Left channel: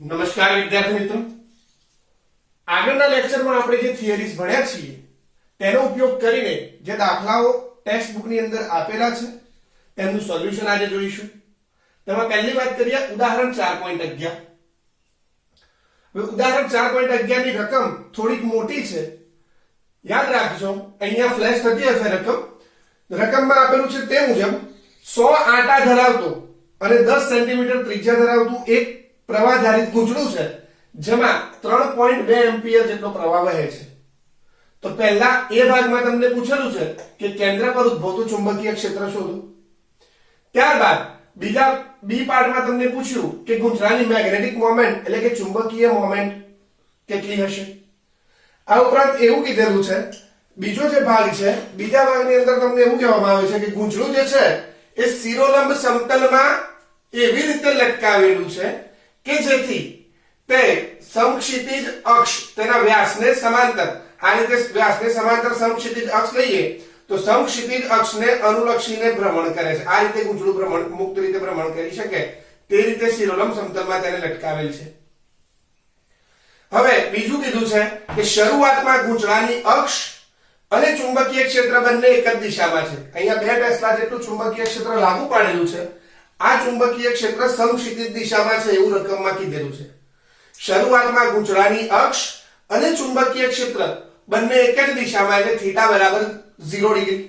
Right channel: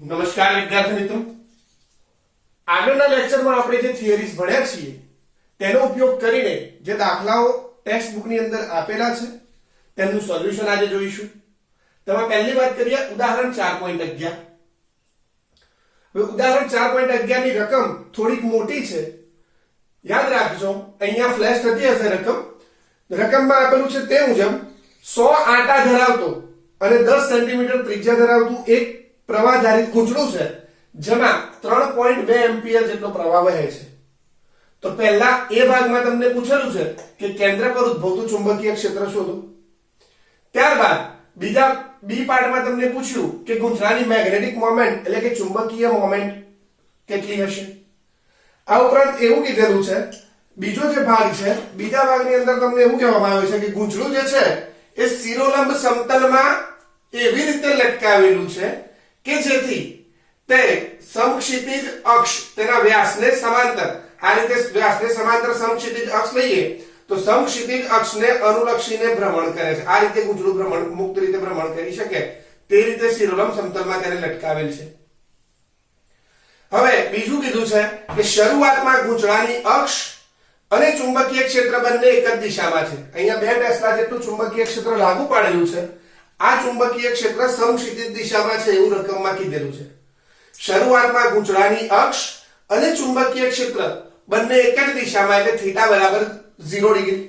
નમસ્કાર વિદ્યાર્થી મિત્રો, આગળના લેક્ચરમાં આપણે જે થિયરીઝ ભણ્યા છીએ તેનો ઉપયોગ કરીને જે દાખલાઓ ટેક્સ્ટ બુકની અંદર આપેલા છે તેમનું સોલ્યુશન આજે જોઈશું. તેમાં પહેલી વાત કરીએ ઉદાહરણ 4.11. હવે ઉદાહરણ 4.11 ની રકમ થોડીક મોટી છે, યાદ રાખજો. અહીંયા ફ્લેશ થતી હશે રકમમાં આપેલું છે તે મુજબ 100 આંટા ધરાવતો અને 10 સેન્ટીમીટર ત્રિજ્યા ધરાવતું એક પ્રવાહધારિત ગૂંચળું છે જેમાં 3.2 એમ્પિયર જેટલો પ્રવાહ વહે છે. તો પહેલા એ ભાગમાં તમને પૂછેલું છે કે કેન્દ્ર પર ઉદ્ભવતું ચુંબકીય ક્ષેત્ર શોધો. ત્યારબાદ બીજા બી પાર્ટમાં તમને પૂછ્યું કે ગૂંચળાની મેગ્નેટિક મોમેન્ટ એટલે કે ચુંબકીય મોમેન્ટ કેટલી હશે. આ ઉપરાંત એવું કીધેલું છે, બીજો જે ભાગ છે બીજા ભાગની અંદર તમને એવું કહેવામાં આવે છે કે ગૂંચળું જે છે એ શિરોલંબ સમતલમાં એવી રીતે લટકાવેલું છે કે જેથી તે સમક્ષિતિજ અક્ષ તેના વ્યાસને સમાંતર, આ રીતે વ્યાસને સમાંતર સમક્ષિતિજ અક્ષ લઈએ તો સમક્ષિતિજ અક્ષને અનુલક્ષીને ભ્રમણ કરે છે. આ રીતે ગૂંચળું ભ્રમણ મુક્ત રીતે ભ્રમણ કરી શકે તે રીતે શિરોલંબ સમતલમાં તેને લટકાવેલ છે. હવે બીજું કીધું છે કે શરૂઆતમાં ગૂંચળાની અક્ષ અને ચુંબકીય ક્ષેત્ર બંને એક જ દિશામાં છે. અહીંયા 2 ટેસ્લા જેટલું ચુંબકીય ક્ષેત્ર લાગુ પાડેલું છે. આ ચુંબકીય ક્ષેત્ર સમક્ષિતિજ દિશામાં છે એવું રકમમાં કીધેલું છે. શરૂઆતમાં ગૂંચળાની અક્ષ અને ચુંબકીય ક્ષેત્ર બંને એક જ દિશામાં એટલે θ બરાબર 0 ડિગ્રી.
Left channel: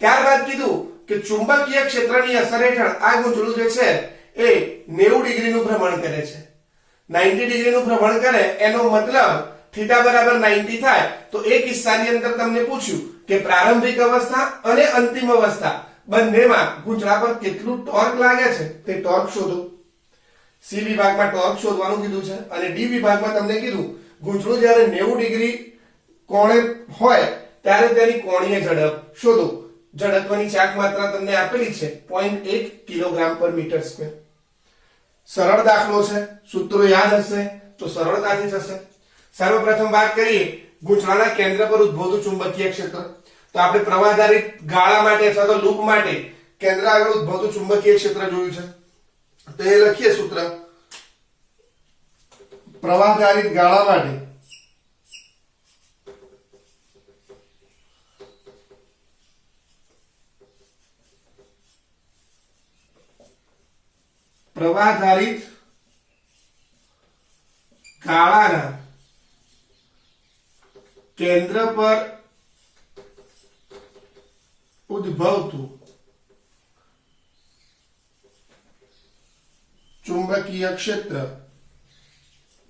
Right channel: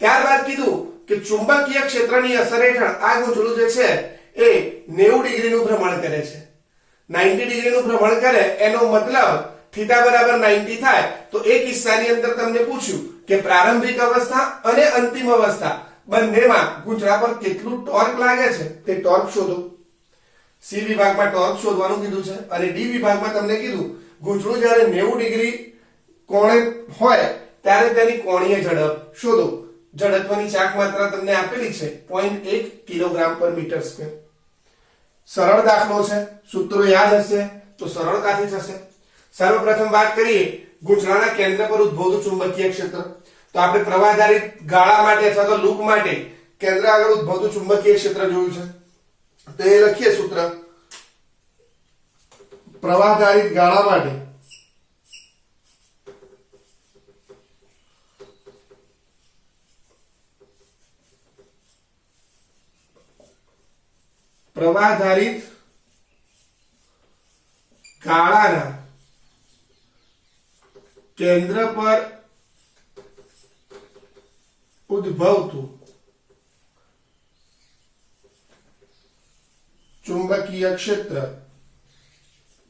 ત્યારબાદ કીધું કે ચુંબકીય ક્ષેત્રની અસર હેઠળ આ ગૂંચળું જે છે એ 90 ડિગ્રીનું ભ્રમણ કરે છે. 90 ડિગ્રીનું ભ્રમણ કરે એનો મતલબ θ બરાબર 90 થાય તો એ કિસ્સાની અંદર તમને પૂછ્યું કે પ્રારંભિક અવસ્થા અને અંતિમ અવસ્થા બંનેમાં ગૂંચળા પર કેટલું ટોર્ક લાગે છે તે ટોર્ક શોધો. સી વિભાગમાં ટોર્ક શોધવાનું કીધું છે અને ડી વિભાગમાં તમને કીધું ગૂંચળું જ્યારે 90 ડિગ્રી કોણે હોય ત્યારે તેની કોણીય ઝડપ શોધો. જડત્વની ચાક માત્રા તમને આપેલી છે 0.1 કિલોગ્રામ પર મીટર સ્ક્વેર. સરળ દાખલો છે, સૂત્રો યાદ હશે તો સરળતાથી થશે. સર્વપ્રથમ વાત કરીએ ગૂંચળાના કેન્દ્ર પર ઉદ્ભવતું ચુંબકીય ક્ષેત્ર. તો આપણે પ્રવાહધારિત ગાળા માટે અથવા તો લૂપ માટે કેન્દ્ર આગળ ઉદ્ભવતું ચુંબકીય ક્ષેત્ર જોયું છે. તો એ લખીએ સૂત્ર. પ્રવાહધારિત ગાળા માટે પ્રવાહધારિત ગાળાના કેન્દ્ર પર ઉદ્ભવતું ચુંબકીય ક્ષેત્ર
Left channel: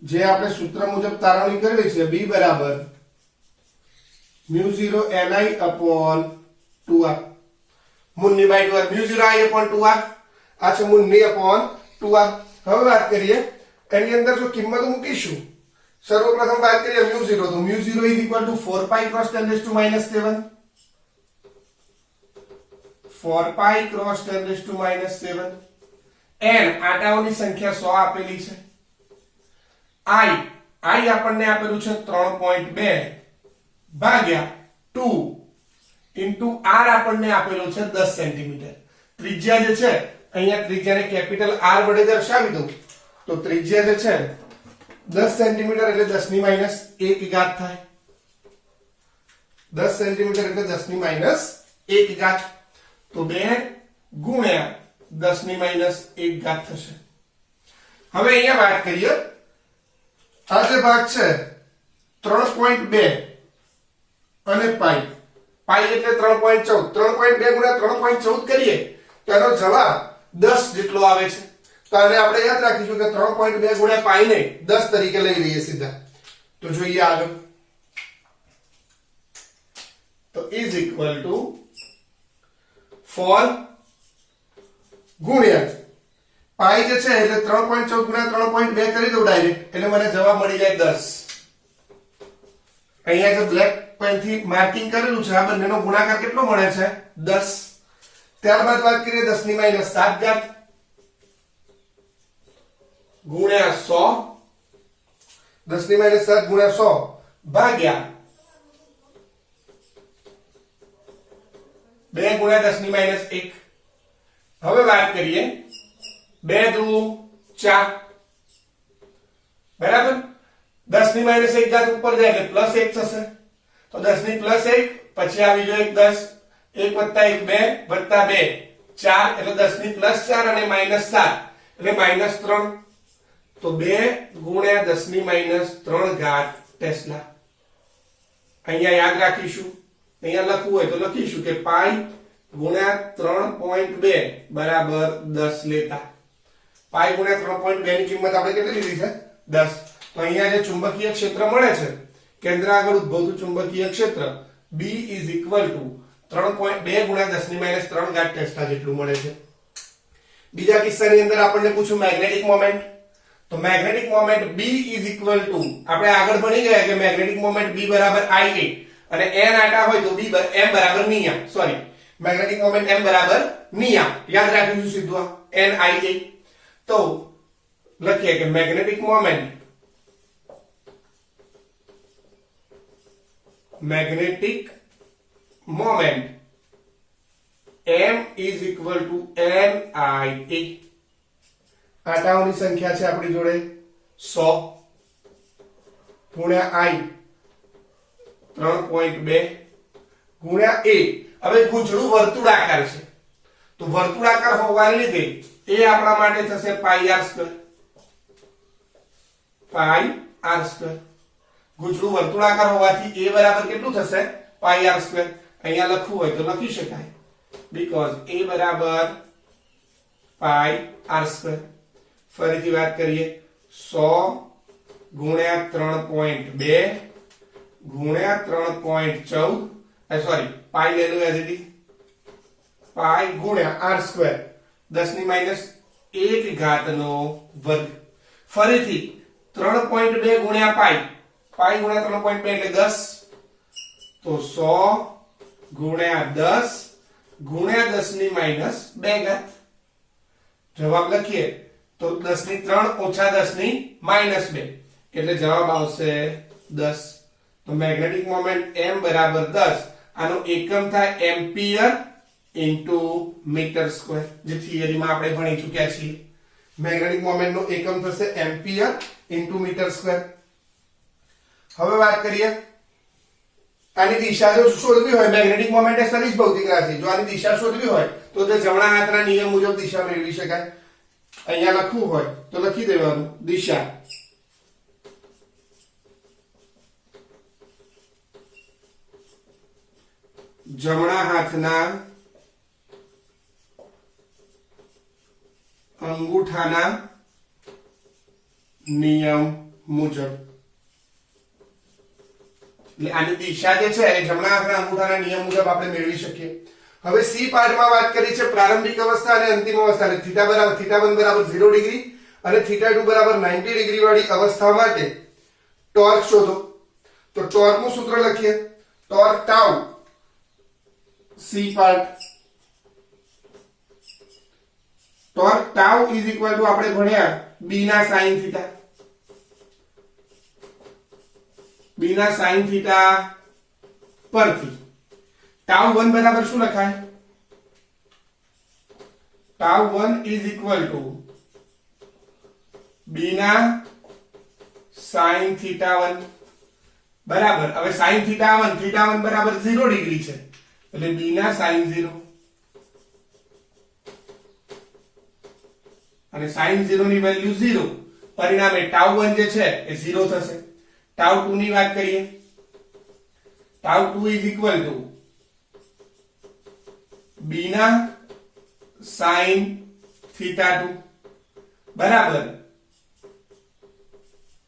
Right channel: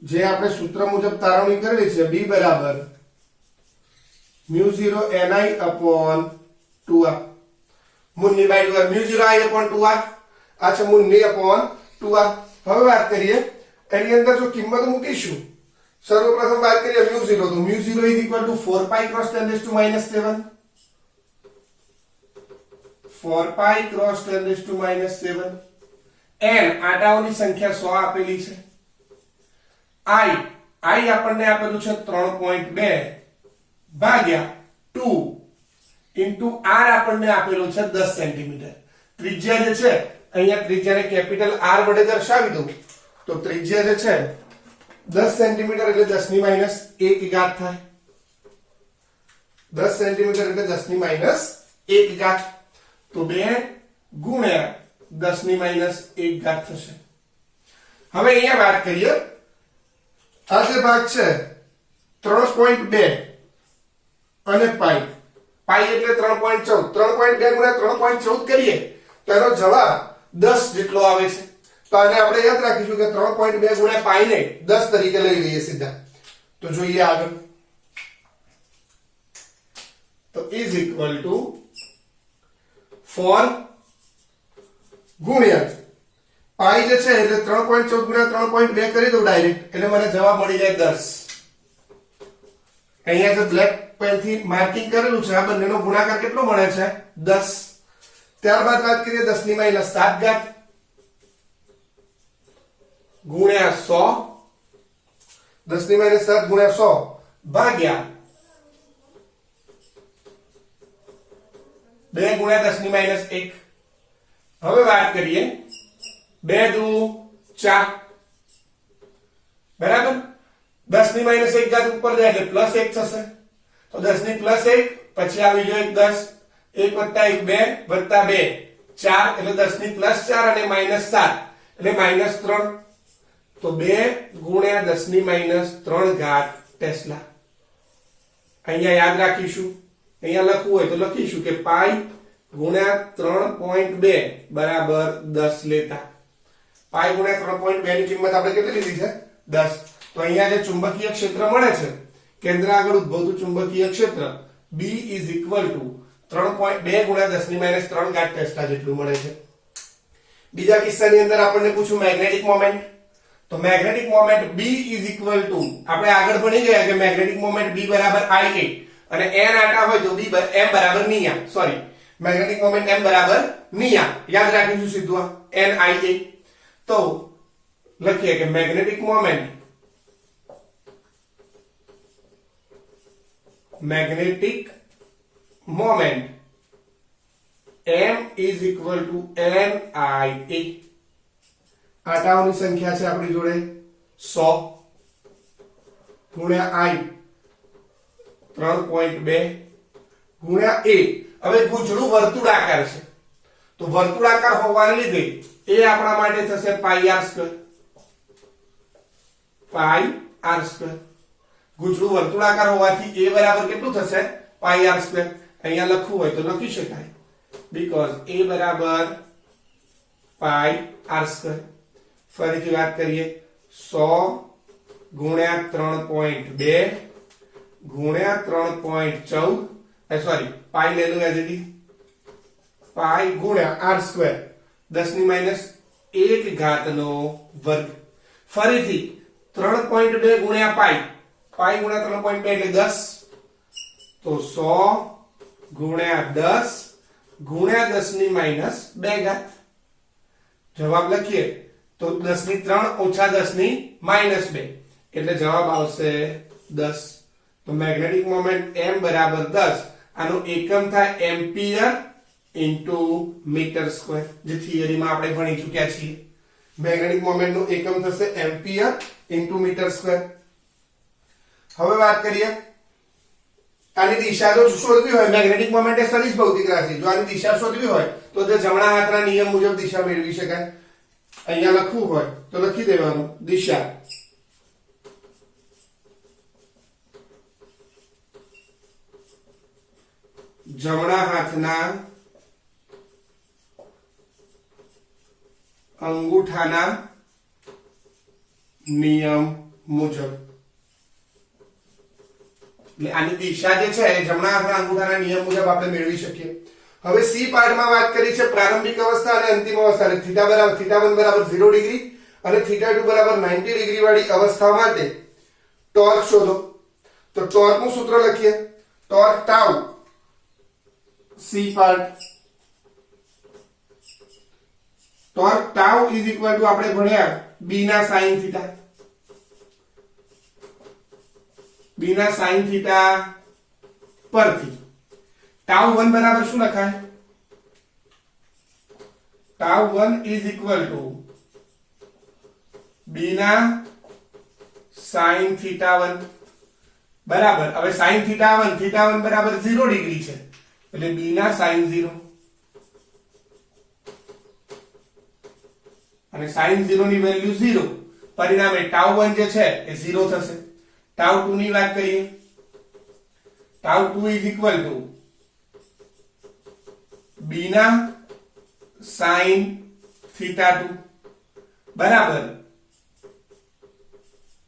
જે આપણે સૂત્ર મુજબ તારવણી કરેલી છે B બરાબર μ0 ni upon 2r. મૂળની by 2r μ0 i upon 2r. આ છે મૂળની upon 2r. હવે વાત કરીએ એની અંદર જો કિંમત મૂકીશું. સર્વપ્રથમ વાત કરીએ μ0 તો μ0 is equal to 4 pi cross 10 raised to minus 7. 4 pi cross 10 raised to minus 7. n આંટાઓની સંખ્યા 100 આપેલી છે. i આપણને આપેલું છે 3.2 ભાગ્યા 2 into r આપણને આપેલું છે 10 સેન્ટીમીટર. ત્રિજ્યા જે છે અહીંયા ત્રિજ્યાને કેપિટલ R વડે દર્શાવી દઉં તો ત્રિજ્યા જે છે 10 સેન્ટીમીટર એટલે 10 ની માઈનસ 1 ઘાત થાય. 10 સેન્ટીમીટર એટલે 10 ની માઈનસ 1 ઘાત. તો 2 ગુણ્યા 10 ની માઈનસ 1 ઘાત થશે. હવે અહીંયા વાત કરીએ આ જે ભાગ છે 3.2 અને પાઈ એટલે 3.14. 3.2 ગુણ્યા 3.14 કરીએ તો એનો જવાબ 10 જેટલો આવે છે. તો આને આપણે યાદ રાખીશું કે 3.2 ગુણ્યા પાઈ ને 10 તરીકે લઈ લઈએ સીધા. તો જોઈએ આગળ. તો ઇઝ ઇક્વલ ટુ 4 ગુણ્યા પાઈ જે છે એટલે 3.14 ગુણ્યા 3.2 કરી દઉં ડાયરેક્ટ એટલે મને જવાબ મળી જાય 10. અહીંયા જે બ્લેક પેન થી માર્કિંગ કરેલું છે આ બંનેનો ગુણાકાર કેટલો મળે છે 10. ત્યારબાદ વાત કરીએ 10 ની માઈનસ 7 ઘાત ગુણ્યા 100. 10 ની માઈનસ 7 ગુણ્યા 100 ભાગ્યા 2 ગુણ્યા 10 ની માઈનસ 1. હવે વાત કરીએ 2 દુ 4 બરાબર 10 ની માઈનસ 1 ઘાત ઉપર જાય એટલે પ્લસ 1 થશે તો 10 ની પ્લસ 1 પછી આવી જાય 10 1 વત્તા 1 2 વત્તા 2 4 એટલે 10 ની પ્લસ 4 અને માઈનસ 7 એટલે માઈનસ 3 તો 2 ગુણ્યા 10 ની માઈનસ 3 ઘાત ટેસ્લા અહીંયા યાદ રાખીશું અહીંયા લખવું હોય તો લખીશું કે પાઈ ગુણ્યા 3.2 બરાબર 10 લેતા પાઈ ગુણ્યા 3.2 ની કિંમત આપણે કેટલી લીધી છે 10 તો અહીંયા જે ચુંબકીય ક્ષેત્ર મળે છે કેન્દ્ર આગળ ઉદ્ભવતું ચુંબકીય ક્ષેત્ર B = 3.2 ગુણ્યા 10 ની માઈનસ 3 ઘાત ટેસ્લા જેટલું મળે છે બીજા કિસ્સાની અંદર આપણને પૂછ્યું મેગ્નેટિક મોમેન્ટ તો મેગ્નેટિક મોમેન્ટ B = આપણે આગળ ભણી ગયા કે મેગ્નેટિક મોમેન્ટ B બરાબર IA અને n આટા હોય તો B m બરાબર Nia sorry magnetic moment m બરાબર નિયા યાદ રાખીશું સીધું NIA તો લખીએ કે મેગ્નેટિક મોમેન્ટ m = NIA આટાઓની સંખ્યા છે આપણી જોડે 100 ગુણ્યા I 3.2 ગુણ્યા A હવે ગૂંચળું વર્તુળાકાર છે તો વર્તુળાકાર હોવાને લીધે A આપણા માટે થશે પાઈ r2 ગૂંચળું વર્તુળાકાર હોવાથી A બરાબર કેટલું થશે પાઈ r2 અહીંયા લખવું હોય તો લખી શકાય because A બરાબર પાઈ r2 ફરીથી વાત કરીએ 100 ગુણ્યા 3.2 ગુણ્યા 3.14 સોરી પાઈ લેલું એઝ ઇટ ઇઝ પાઈ ગુણ્યા r2 10 ની માઈનસ 1 ઘાતનો વર્ગ ફરીથી 3.2 ગુણ્યા પાઈ ગુણ્યા 3.2 એટલે 10 તો 100 ગુણ્યા 10 ગુણ્યા 10 ની માઈનસ 2 ઘાત જવાબ લખીએ તો 10 ની 3 ઓછા 10 ની માઈનસ 2 એટલે જવાબ આવશે 10 તો મેગ્નેટિક મોમેન્ટ m બરાબર 10 આનો એકમ થાય એમ્પિયર ઇન્ટુ મીટર સ્ક્વેર જે થિયરીમાં આપણે ભણી ચૂક્યા છીએ મેગ્નેટિક મોમેન્ટ નો એકમ થશે એમ્પિયર ઇન્ટુ મીટર સ્ક્વેર હવે વાત કરીએ આની દિશા જો શોધવી હોય મેગ્નેટિક મોમેન્ટ એ સદિશ ભૌતિક રાશિ જો આની દિશા શોધવી હોય તો તે જમણા હાથના નિયમ મુજબ દિશા મેળવી શકાય અહીંયા લખવું હોય તો લખી દેવાનું દિશા જમણા હાથના અંગૂઠાના નિયમ મુજબ એટલે આની દિશા જે છે એ જમણા હાથના અંગૂઠાના નિયમ મુજબ આપણે મેળવી શકીએ હવે સી પાર્ટમાં વાત કરી છે પ્રારંભિક અવસ્થા અને અંતિમ અવસ્થા એટલે θ1 બરાબર 0 ડિગ્રી અને θ2 બરાબર 90 ડિગ્રી વાળી અવસ્થા માટે ટોર્ક શોધો તો ટોર્ક નું સૂત્ર લખીએ torque tau C part torque tau = આપણે ભણ્યા b ના sin થીટા b ના sin થીટા પરથી τ1 બરાબર શું લખાય τ1 = b ના sin θ1 બરાબર હવે sin θ1 બરાબર 0 ડિગ્રી છે એટલે b ના sin 0 અને sin 0 ની વેલ્યુ 0 પરિણામે τ1 જે છે એ 0 થશે τ2 ની વાત કરીએ τ2 = b ના sin θ2 બરાબર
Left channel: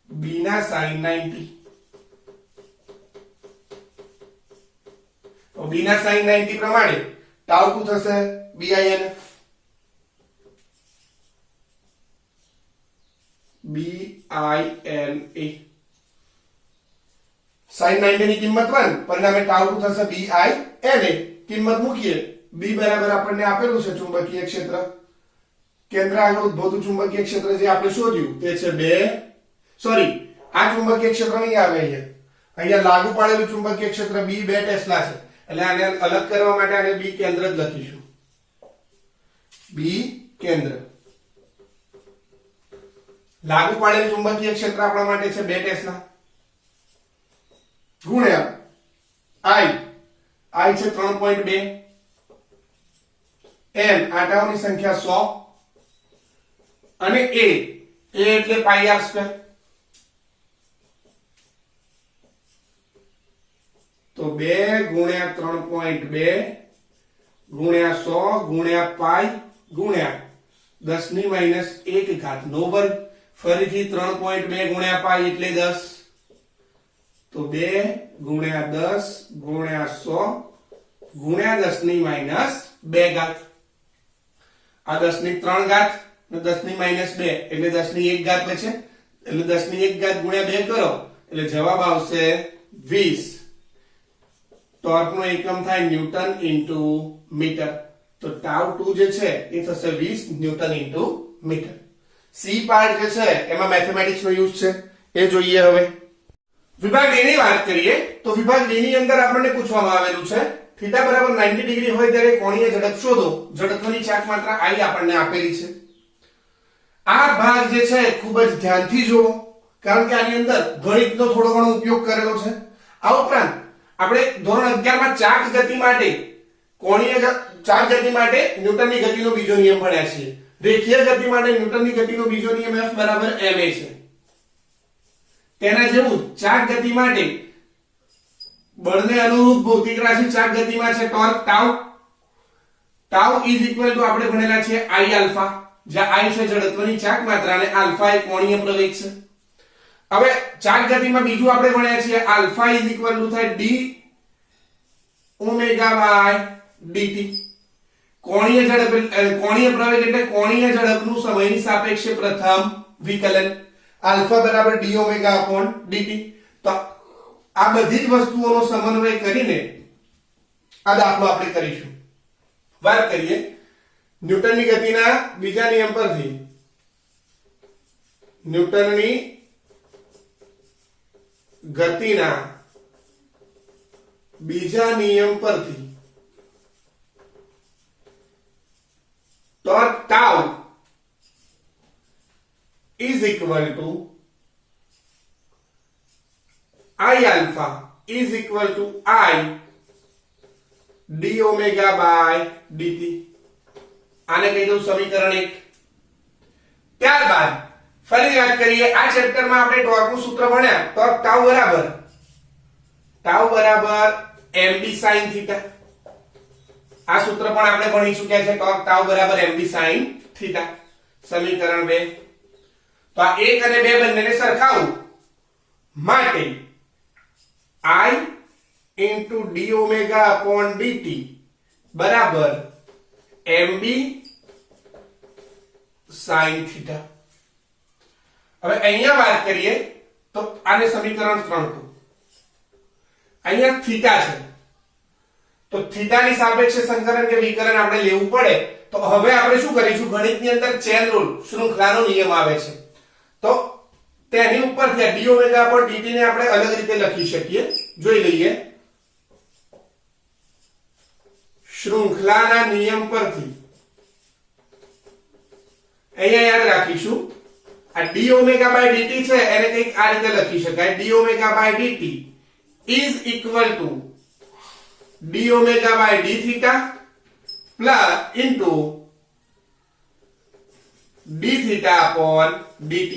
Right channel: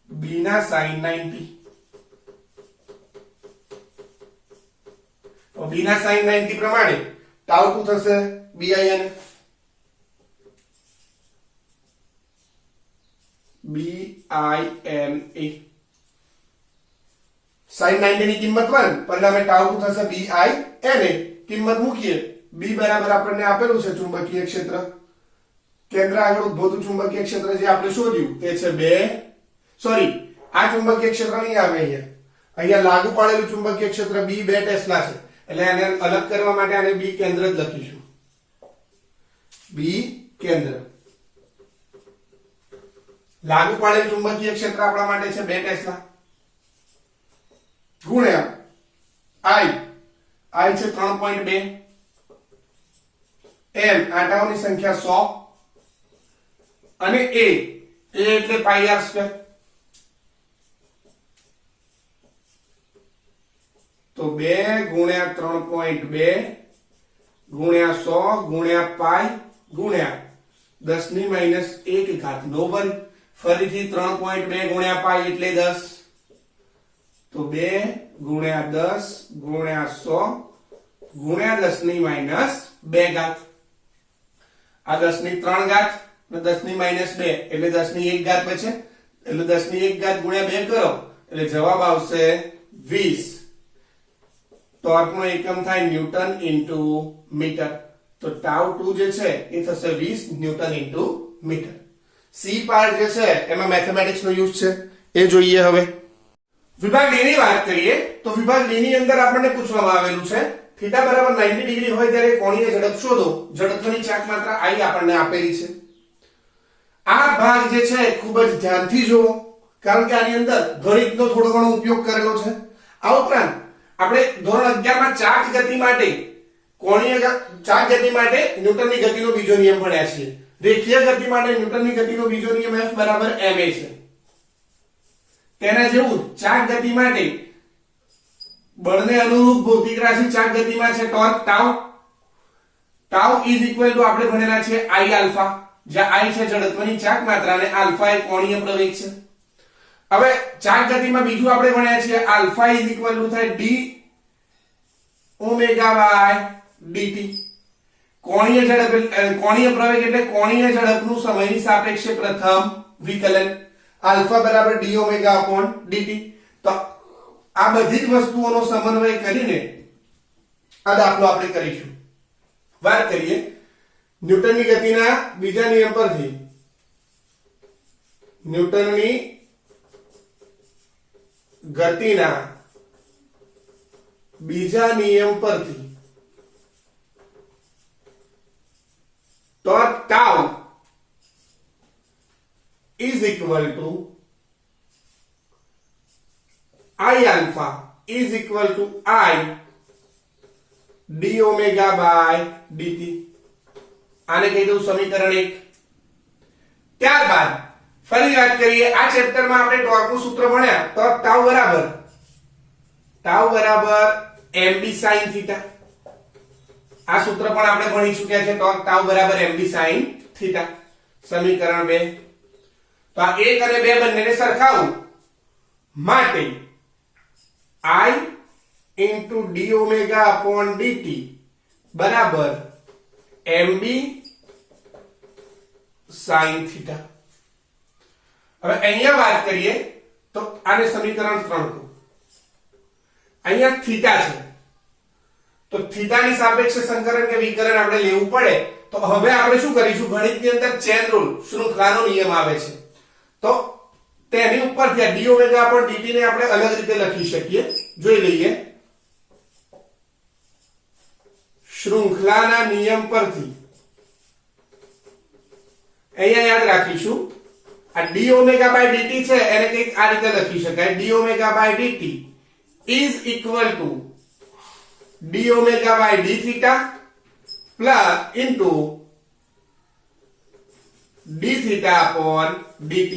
b ના sin 90 તો b ના sin 90 પ્રમાણે τ2 થશે bin sin 90 ની કિંમત 1 પરિણામે τ2 થશે bin કિંમત મૂકીએ b બરાબર આપણને આપેલું છે ચુંબકીય ક્ષેત્ર કેન્દ્ર આગળ ઉદ્ભવતું ચુંબકીય ક્ષેત્ર જે આપણે શોધ્યું તે છે 2 સોરી આ ચુંબકીય ક્ષેત્ર નહીં આવે અહીંયા લાગુ પાડેલું ચુંબકીય ક્ષેત્ર b 2 ટેસ્લા છે એટલે આને અલગ કરવા માટે આને b કેન્દ્ર જ લખીશું b કેન્દ્ર લાગુ પાડેલ ચુંબકીય ક્ષેત્ર આપણા માટે છે 2 ટેસ્લા ગુણ્યા I છે 3.2 n આટાઓની સંખ્યા 100 અને a એટલે પાઈ r સ્ક્વેર. તો 2 ગુણ્યા 3.2 ગુણ્યા 100 ગુણ્યા પાઈ ગુણ્યા 10 ની માઈનસ 1 ઘાત નો વર્ગ, ફરીથી 3.2 ગુણ્યા પાઈ એટલે 10. તો 2 ગુણ્યા 10 ગુણ્યા 100 ગુણ્યા 10 ની માઈનસ 2 ઘાત. આ 10 ની 3 ઘાત અને 10 ની માઈનસ 2 એટલે 10 ની 1 ઘાત બચે, એટલે 10 ની 1 ઘાત ગુણ્યા 2 કરો એટલે જવાબ આવશે 20. ટોર્ક નો એકમ થાય ન્યૂટન ઇન્ટુ મીટર. તો ટાઉ 2 જે છે એ થશે 20 newton into metre. C part જે છે એમાં મેથેમેટિક્સ નો યુઝ છે એ જોઈએ. હવે વિભાગ ડી ની વાત કરીએ તો વિભાગ ડી ની અંદર આપણને પૂછવામાં આવેલું છે થીટા બરાબર 90 ડિગ્રી હોય ત્યારે કોણીય ઝડપ શોધો. જડત્વની ચાક માત્રા I આપણને આપેલી છે. આ ભાગ જે છે ખૂબ જ ધ્યાનથી જુઓ, કારણ કે આની અંદર ગણિતનો થોડો ઘણો ઉપયોગ કરેલો છે. આ ઉપરાંત આપણે ધોરણ 11 માં ચાક ગતિ માટે ચાક ગતિ માટે ન્યૂટનની ગતિનો બીજો નિયમ ભણ્યા છીએ. રેખીય ગતિ માટે ન્યૂટનની ગતિનો બીજો નિયમ F બરાબર ma છે. તેના જેવું ચાક ગતિ માટે બળને અનુરૂપ ભૌતિક રાશિ ચાક ગતિમાં છે torque tau. Tau is equal two આપણે ભણેલા છે I આલ્ફા, જ્યાં I છે જડત્વની ચાક માત્રા અને આલ્ફા એ કોણીય પ્રવેગ છે. હવે ચાક ગતિમાં બીજું આપણે ભણ્યા છે આલ્ફા ઇઝ ઇક્વલ ટુ થાય d ઓમેગા બાય dt. કોણીય ઝડપ કોણીય પ્રવેગ એટલે કોણીય ઝડપનું સમયની સાપેક્ષે પ્રથમ વિકલન. આલ્ફા બરાબર d ઓમેગા અપોન dt. તો આ બધી જ વસ્તુઓનો સમન્વય કરીને આ દાખલો આપણે કરીશું. વાત કરીએ ન્યૂટનની ગતિના બીજા નિયમ પરથી. ન્યૂટનની ગતિના બીજા નિયમ પરથી torque tau is equal to I alpha is equal to I d omega by dt. આને કહી દઉં સમીકરણ 1. ત્યારબાદ ફરી વાત કરીએ આ ચેપ્ટરમાં આપણે ટોર્કનું સૂત્ર ભણ્યા. ટોર્ક ટાઉ બરાબર mb sin થીટા. આ સૂત્ર પણ આપણે ભણી ચૂક્યા છે. ટોર્ક ટાઉ બરાબર mb sin થીટા. સમીકરણ 2. તો આ 1 અને 2 બંનેને સરખાવું માટે I into d omega upon dt બરાબર mb sin થીટા. હવે અહીંયા વાત કરીએ તો આને સમીકરણ 3 કહું. અહીંયા થીટા છે તો થીટાની સાપેક્ષે સંકલન કે વિકલન આપણે લેવું પડે. તો હવે આપણે શું કરીશું, ગણિતની અંદર ચેન રૂલ શૃંખલાનો નિયમ આવે છે. તો તેની ઉપરથી આ d ઓમેગા upon dt ને આપણે અલગ રીતે લખી શકીએ. જોઈ લઈએ. શૃંખલાના નિયમ પરથી અહીંયા યાદ રાખીશું આ d ઓમેગા by dt છે એને કંઈક આ રીતે લખી શકાય. d omega by dt is equal to d omega by d theta plus into d theta upon dt.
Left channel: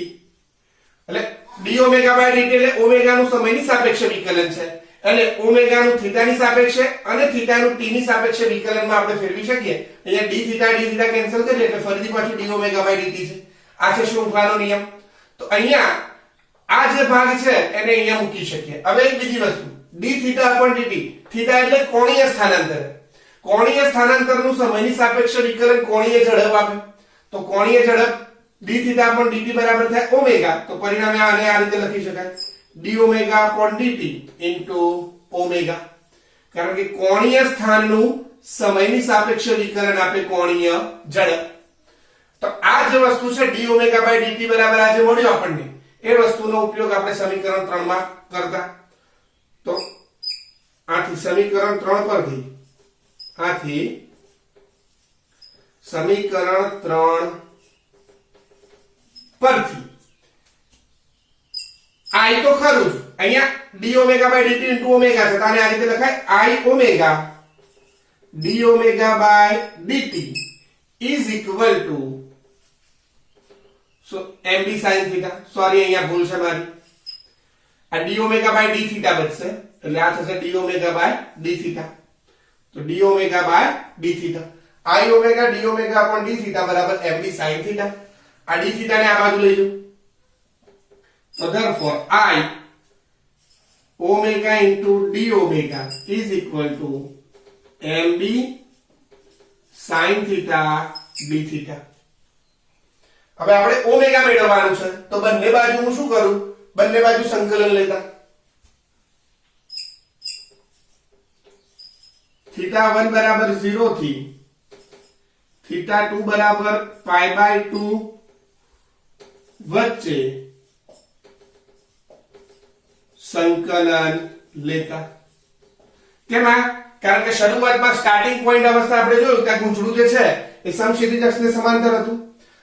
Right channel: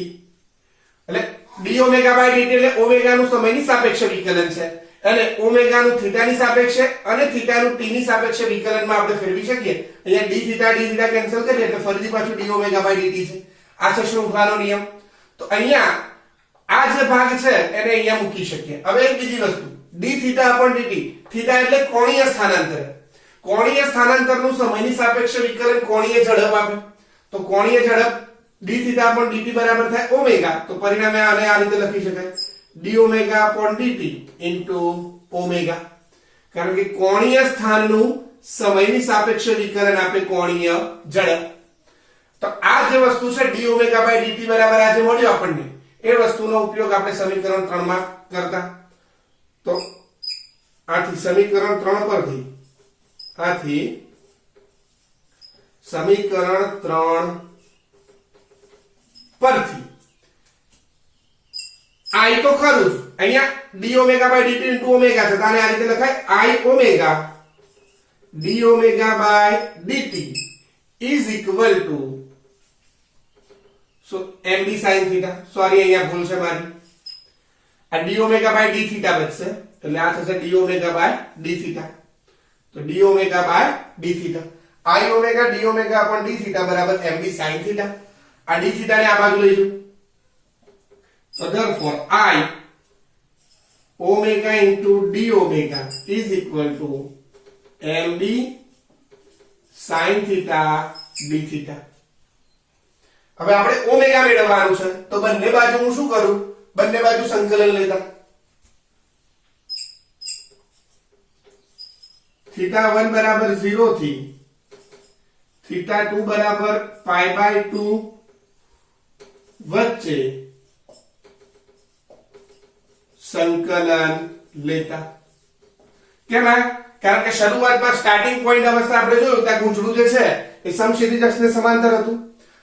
એટલે d omega by dt એટલે ઓમેગા નું સમયની સાપેક્ષે વિકલન છે અને ઓમેગા નું થીટા ની સાપેક્ષે અને થીટા નું t ની સાપેક્ષે વિકલનમાં આપણે ફેરવી શકીએ. અહીંયા d theta કેન્સલ કરીએ એટલે ફરીથી પાછું d omega by dt છે. આ છે શૃંખલાનો નિયમ. તો અહીંયા આ જે ભાગ છે એને અહીંયા મૂકી શકીએ. હવે એક બીજી વસ્તુ d theta upon dt. Theta એટલે કોણીય સ્થાનાંતર. કોણીય સ્થાનાંતરનું સમયની સાપેક્ષે વિકલન કોણીય ઝડપ આપે. તો કોણીય ઝડપ d theta upon dt બરાબર થાય ઓમેગા. તો પરિણામે આને આ રીતે લખી શકાય d omega upon dt into omega. કારણ કે કોણીય સ્થાનનું સમયની સાપેક્ષે વિકલન આપે કોણીય ઝડપ. તો આ જે વસ્તુ છે d omega by dt બરાબર આ જે મળ્યો આપણને એ વસ્તુનો ઉપયોગ આપણે સમીકરણ 3 માં કરતા. તો આથી સમીકરણ 3 પરથી I તો ખરું જ, અહીંયા d omega by dt into omega છે, તો આને આ રીતે લખાય I omega d omega by dt is equal to mb sin theta. Sorry અહીંયા ભૂલ છે મારી, આ d omega by d theta બચશે, એટલે આ થશે d omega by d theta. તો d omega by d theta, I omega d omega upon d theta બરાબર mb sin થીટા. આ d થીટા ને આ બાજુ લઈ જાઓ, so therefore I omega into d omega is equal to mb sin theta d theta. હવે આપણે ઓમેગા મેળવવાનું છે, તો બંને બાજુ હું શું કરું, બંને બાજુ સંકલન લેતા. થીટા 1 બરાબર 0 થી થીટા 2 બરાબર પાઈ બાય 2 વચ્ચે સંકલન લેતા. કેમ? કારણ કે શરૂઆતમાં સ્ટાર્ટિંગ પોઈન્ટ અવસ્થા આપણે જોયું કે ગૂંચળું જે છે એ સમક્ષિતિજ અક્ષને સમાંતર હતું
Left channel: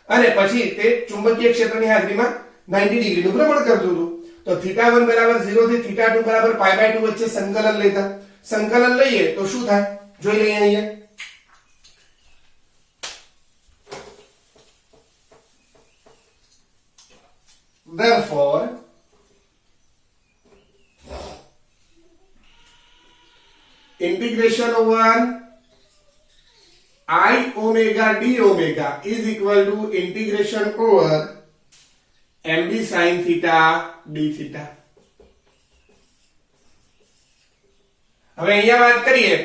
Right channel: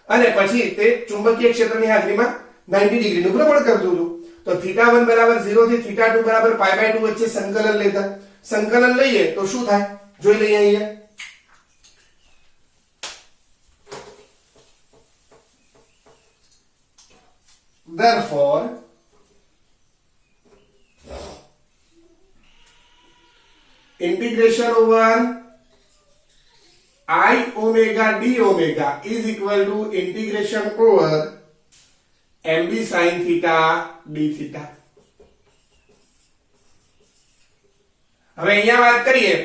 અને પછી તે ચુંબકીય ક્ષેત્રની હાજરીમાં 90 ડિગ્રીનું ભ્રમણ કરતું હતું. તો થીટા 1 બરાબર 0 થી થીટા 2 બરાબર પાઈ બાય 2 વચ્ચે સંકલન લેતા. સંકલન લઈએ તો શું થાય જોઈ લઈએ અહીંયા. Therefore integration over I omega d omega is equal to integration over mb sin theta d theta. હવે અહીંયા વાત કરીએ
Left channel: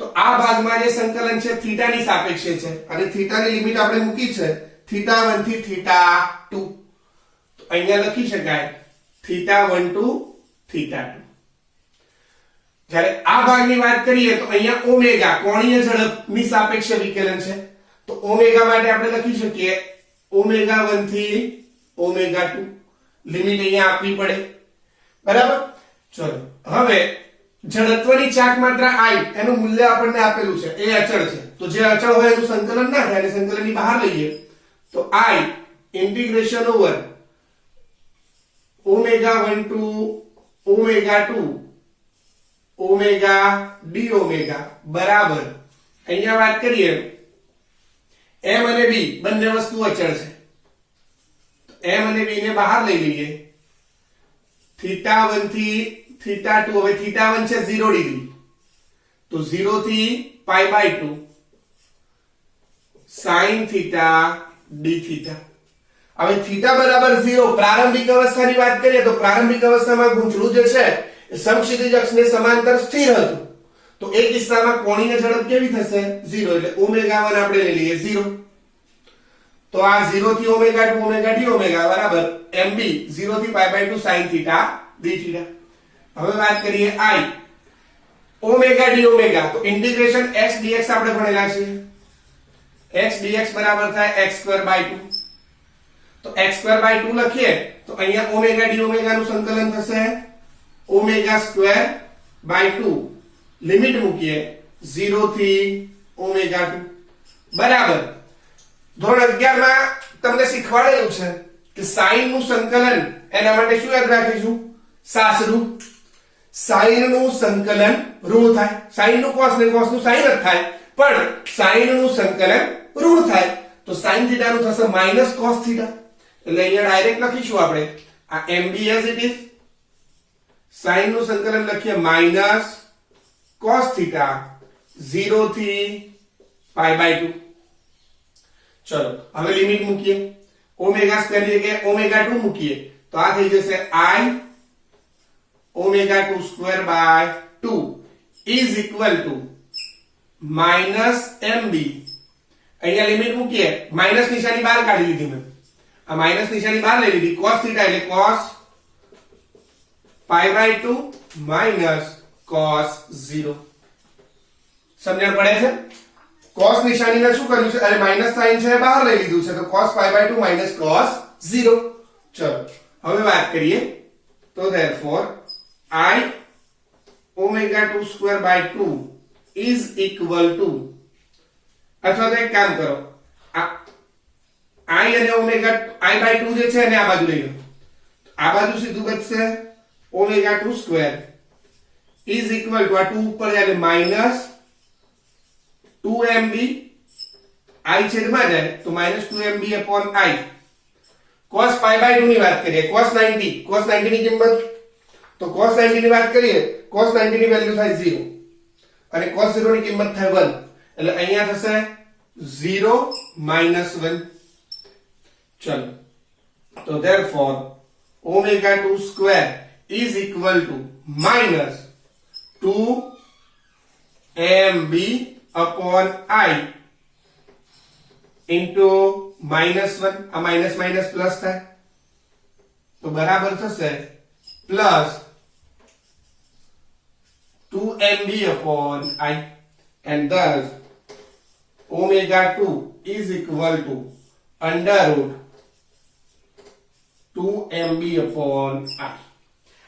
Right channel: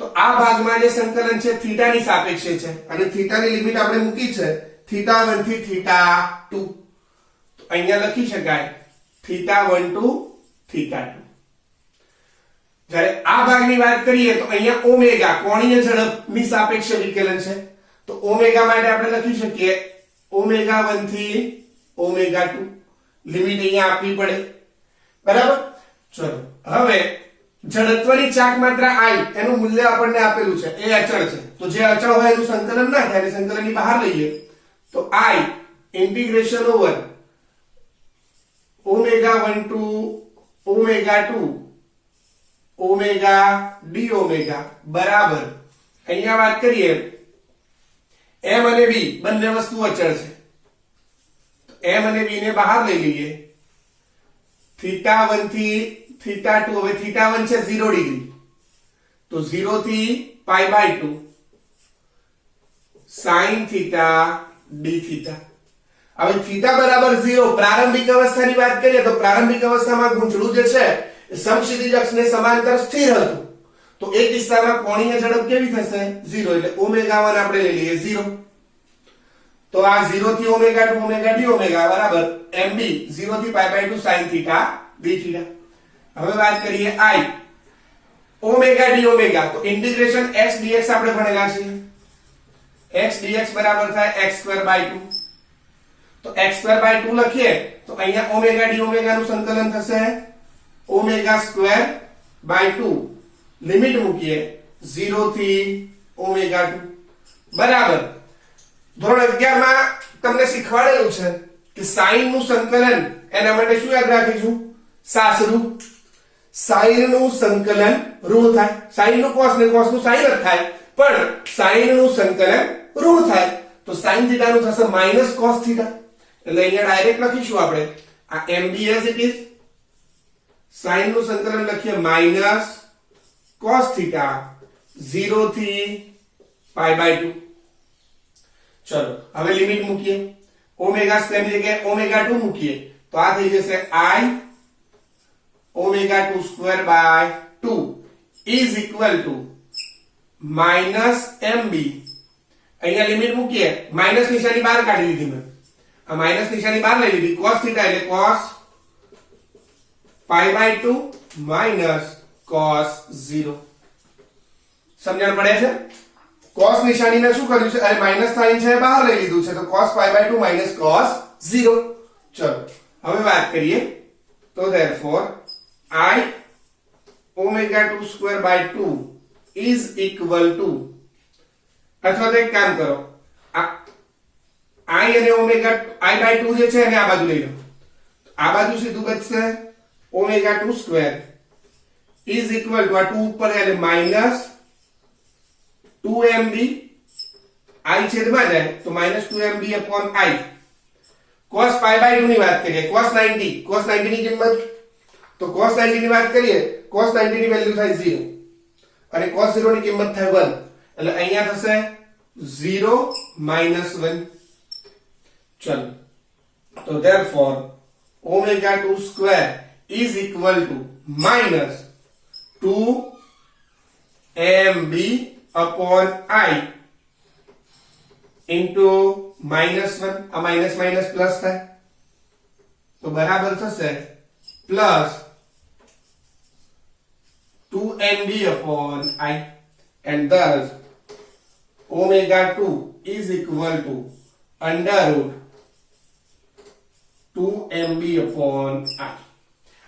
તો આ ભાગમાં જે સંકલન છે થીટા ની સાપેક્ષે છે અને થીટા ની લિમિટ આપણે મૂકી છે થીટા 1 થી થીટા 2. તો અહીંયા લખી શકાય થીટા 1 to થીટા 2. જ્યારે આ ભાગની વાત કરીએ તો અહીંયા ઓમેગા કોણીય ઝડપની સાપેક્ષે વિકલન છે, તો ઓમેગા માટે આપણે લખી શકીએ ઓમેગા 1 થી ઓમેગા 2. લિમિટ અહીંયા આપવી પડે, બરાબર. ચલો હવે જડત્વની ચાક માત્રા I એનું મૂલ્ય આપણને આપેલું છે, એ અચળ છે. તો જે અચળ હોય એનું સંકલન ના થાય, એટલે સંકલનની બહાર લઈએ તો I integration over omega 1 to omega 2 omega d omega બરાબર અહીંયા વાત કરીએ m અને b બંને વસ્તુ અચળ છે, તો m અને b ને બહાર લઈ લઈએ. થીટા 1 થી થીટા 2, હવે થીટા 1 છે 0 ડિગ્રી, તો 0 થી pi by 2 sin theta d theta. હવે થીટા બરાબર 0 પ્રારંભિક અવસ્થાની વાત કરીએ તો પ્રારંભિક અવસ્થામાં ગૂંચળું જે છે સમક્ષિતિજ અક્ષને સમાંતર સ્થિર હતું, તો એ કિસ્સામાં કોણીય ઝડપ કેવી થશે 0, એટલે ઓમેગા 1 આપણે લઈ લઈએ 0. તો આ 0 થી ઓમેગા 2 ઓમેગા d ઓમેગા બરાબર mb 0 થી pi by 2 sin theta d theta. હવે વાત કરીએ I ઓમેગા d ઓમેગા, તો ઇન્ટિગ્રેશન x dx આપણે ભણેલા છે. x dx બરાબર થાય x² બાય 2. તો x² બાય 2 લખીએ તો અહીંયા ઓમેગા d ઓમેગા નું સંકલન થશે ઓમેગા સ્ક્વેર બાય 2. લિમિટ મૂકીએ 0 થી ઓમેગા 2 બરાબર. ધોરણ 11 માં તમને શીખવાડેલું છે કે સાઈન નું સંકલન, એના માટે શું યાદ રાખીશું, સાસરું. સાઈન નું સંકલન ઋણ થાય, સાઈન નું કોસ ને કોસ નું સાઈન જ થાય, પણ સાઈન નું સંકલન ઋણ થાય, તો સાઈન થીટા નું થશે માઈનસ કોસ થીટા. એટલે અહીંયા ડાયરેક્ટ લખીશું આપણે આ mb as it is, sine નું સંકલન લખીએ માઈનસ કોસ થીટા 0 થી પાઈ બાય 2. ચલો હવે લિમિટ મૂકીએ, ઓમેગા સ્ક્વેર ની જગ્યાએ ઓમેગા 2 મૂકીએ તો આ થઈ જશે I omega 2 square by 2 is equal to minus mb. અહીંયા લિમિટ મૂકીએ, માઈનસ નિશાની બહાર કાઢી લીધી મેં, આ માઈનસ નિશાની બહાર લઈ લીધી, cos થીટા એટલે cos pi by 2 minus cos 0. સમજણ પડે છે? cos નિશાનીને શું કર્યું છે, અને માઈનસ સાઈન છે બહાર લઈ લીધું છે, તો cos pi by 2 minus cos 0. ચલો હવે વાત કરીએ તો therefore I omega 2 square by 2 is equal to, અથવા તો એક કામ કરો, I અને omega I by 2 જે છે એને આ બાજુ લઈ લો, આ બાજુ સીધું બચશે omega 2 square is equal two આ 2 ઉપર એટલે માઇનસ 2mb i છેદમાં જાય તો -2mb upon i cos pi by 2 ની વાત કરીએ cos 90 ની કિંમત તો cos 90 ની વાત કરીએ cos 90 ની વેલ્યુ થાય 0 અને cos 0 ની કિંમત થાય 1 એટલે અહીંયા થશે 0 -1 ચલો તો therefore omega 2 square is equal to -2mb upon i into -1 આ માઇનસ માઇનસ પ્લસ થાય તો બરાબર થશે plus 2mb upon i and thus omega 2 is equal to under root 2mb upon i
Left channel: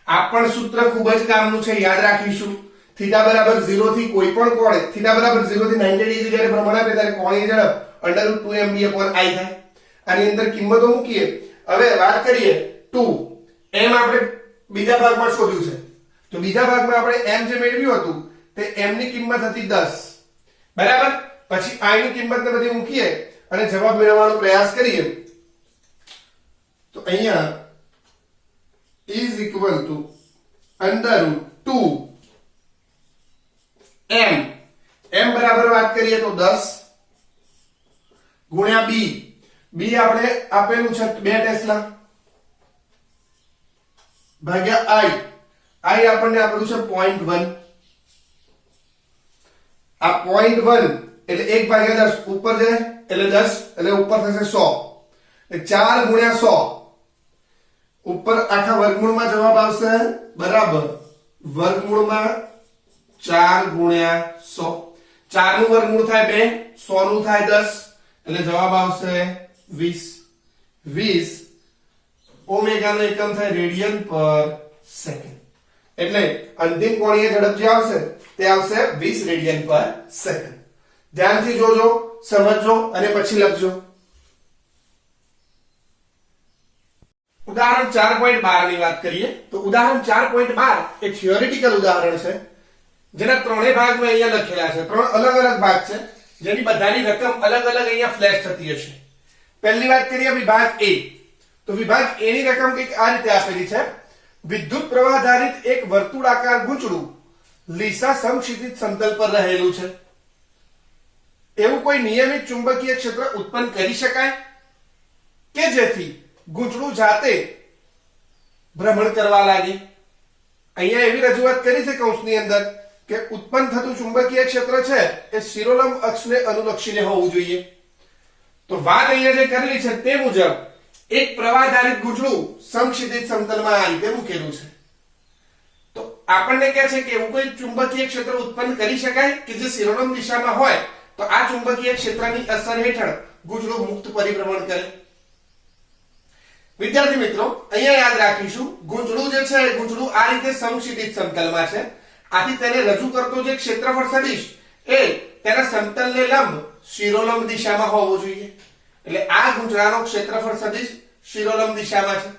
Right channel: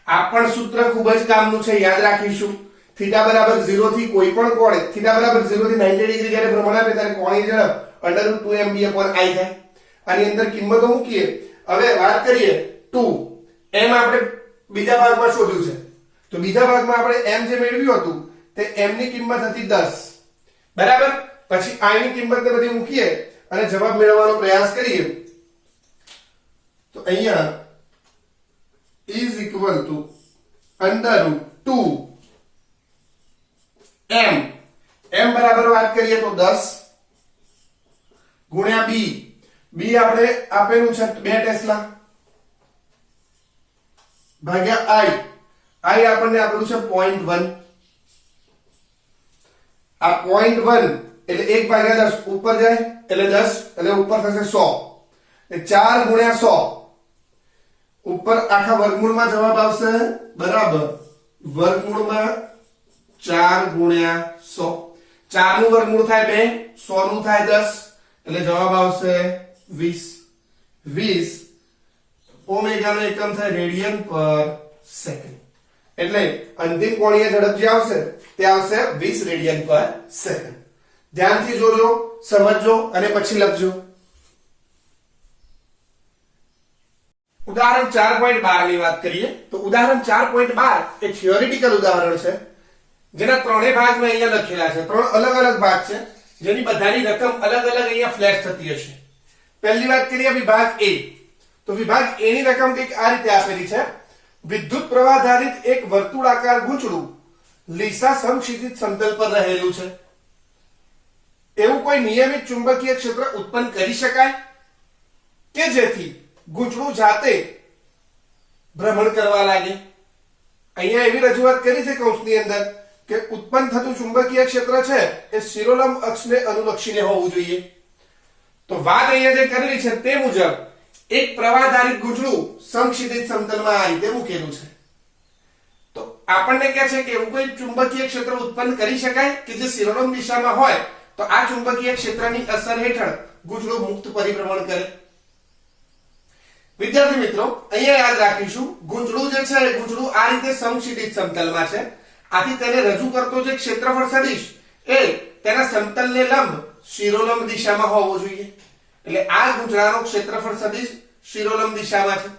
આ પણ સૂત્ર ખૂબ જ કામનું છે યાદ રાખીશું થીટા બરાબર 0 થી કોઈ પણ કોણ થીટા બરાબર 0 થી 90 ડિગ્રી જ્યારે ભ્રમણ આપે ત્યારે કોણની ઝડપ under root 2mb upon i થાય આની અંદર કિંમતો મૂકીએ હવે વાત કરીએ 2 m આપણે બીજા ભાગમાં શોધ્યું છે તો બીજા ભાગમાં આપણે m જે મેળવ્યું હતું તે m ની કિંમત હતી 10 બરાબર પછી i ની કિંમતને બધી મૂકીએ અને જવાબ મેળવવાનો પ્રયાસ કરીએ તો અહીંયા is equal to under root 2 m બરાબર વાત કરીએ તો 10 ગુણ્યા b આપણે આપેલું છે 2 ટેસ્લા ભાગ્યા i આપણને આપેલું છે 0.1 આ 0.1 એટલે 1 ભાગ્યા 10 ઉપર જાય એટલે 10 એટલે ઉપર થશે 100 એટલે 4 ગુણ્યા 100 ઉપર આખા વર્ગમૂળમાં જવાબ આવશે બરાબર વર્ગમૂળમાં 4 ગુણ્યા 100 4 નું વર્ગમૂળ થાય 2 100 નું થાય 10 એટલે જવાબ આવશે 20 ઓમેગા નો એકમ થાય રેડિયન પર સેકન્ડ એટલે અંતિમ કોણીય ઝડપ જે આવશે તે આવશે 20 રેડિયન પર સેકન્ડ ધ્યાનથી જોજો સમજજો અને પછી લખજો ઉદાહરણ 4.12 ની વાત કરીએ તો ઉદાહરણ 4.12 એ થિયોરેટિકલ ઉદાહરણ છે જેના ત્રણેય ભાગ મેં અહીંયા લખેલા છે ત્રણ અલગ અલગ ભાગ છે જેની બધાની રકમ અલગ અલગ અહીંયા ફ્લેશ થતી હશે પહેલી વાત કરીએ વિભાગ A તો વિભાગ A ની રકમ કંઈક આ રીતે આપેલી છે વિદ્યુત પ્રવાહ ધારિત એક વર્તુળાકાર ગૂંચળું લીસા સમક્ષિતિજ સમતલ પર રહેલું છે એવું કોઈ નિયમિત ચુંબકીય ક્ષેત્ર ઉત્પન્ન કરી શકાય કે જેથી ગૂંચળું જાતે ભ્રમણ કરવા લાગે અહીંયા એવી રજૂઆત કરી છે કૌંસની અંદર કે ઉત્પન્ન થતું ચુંબકીય ક્ષેત્ર છે એ શિરોલંબ અક્ષને અનુલક્ષીને હોવું જોઈએ તો વાત અહીંયા જે કરેલી છે તે મુજબ એક પ્રવાહધારિત ગૂંચળું સમક્ષિતિજ સમતલમાં આ રીતે મૂકેલું છે તો આપણને કહે છે કે એવું કોઈ ચુંબકીય ક્ષેત્ર ઉત્પન્ન કરી શકાય કે જે શિરોલંબ દિશામાં હોય તો આ ચુંબકીય ક્ષેત્રની અસર હેઠળ ગૂંચળું મુક્ત પરિભ્રમણ કરે વિદ્યાર્થી મિત્રો અહીંયા યાદ રાખીશું ગૂંચળું જે છે ગૂંચળું આ રીતે સમક્ષિતિજ સમતલમાં છે આથી તેને રજૂ કરતો જે ક્ષેત્રફળ સદિશ એ તેના સમતલને લંબ શિરોલંબ દિશામાં હોવો જોઈએ એટલે આ ગૂંચળાનો ક્ષેત્રફળ સદિશ શિરોલંબ દિશામાં છે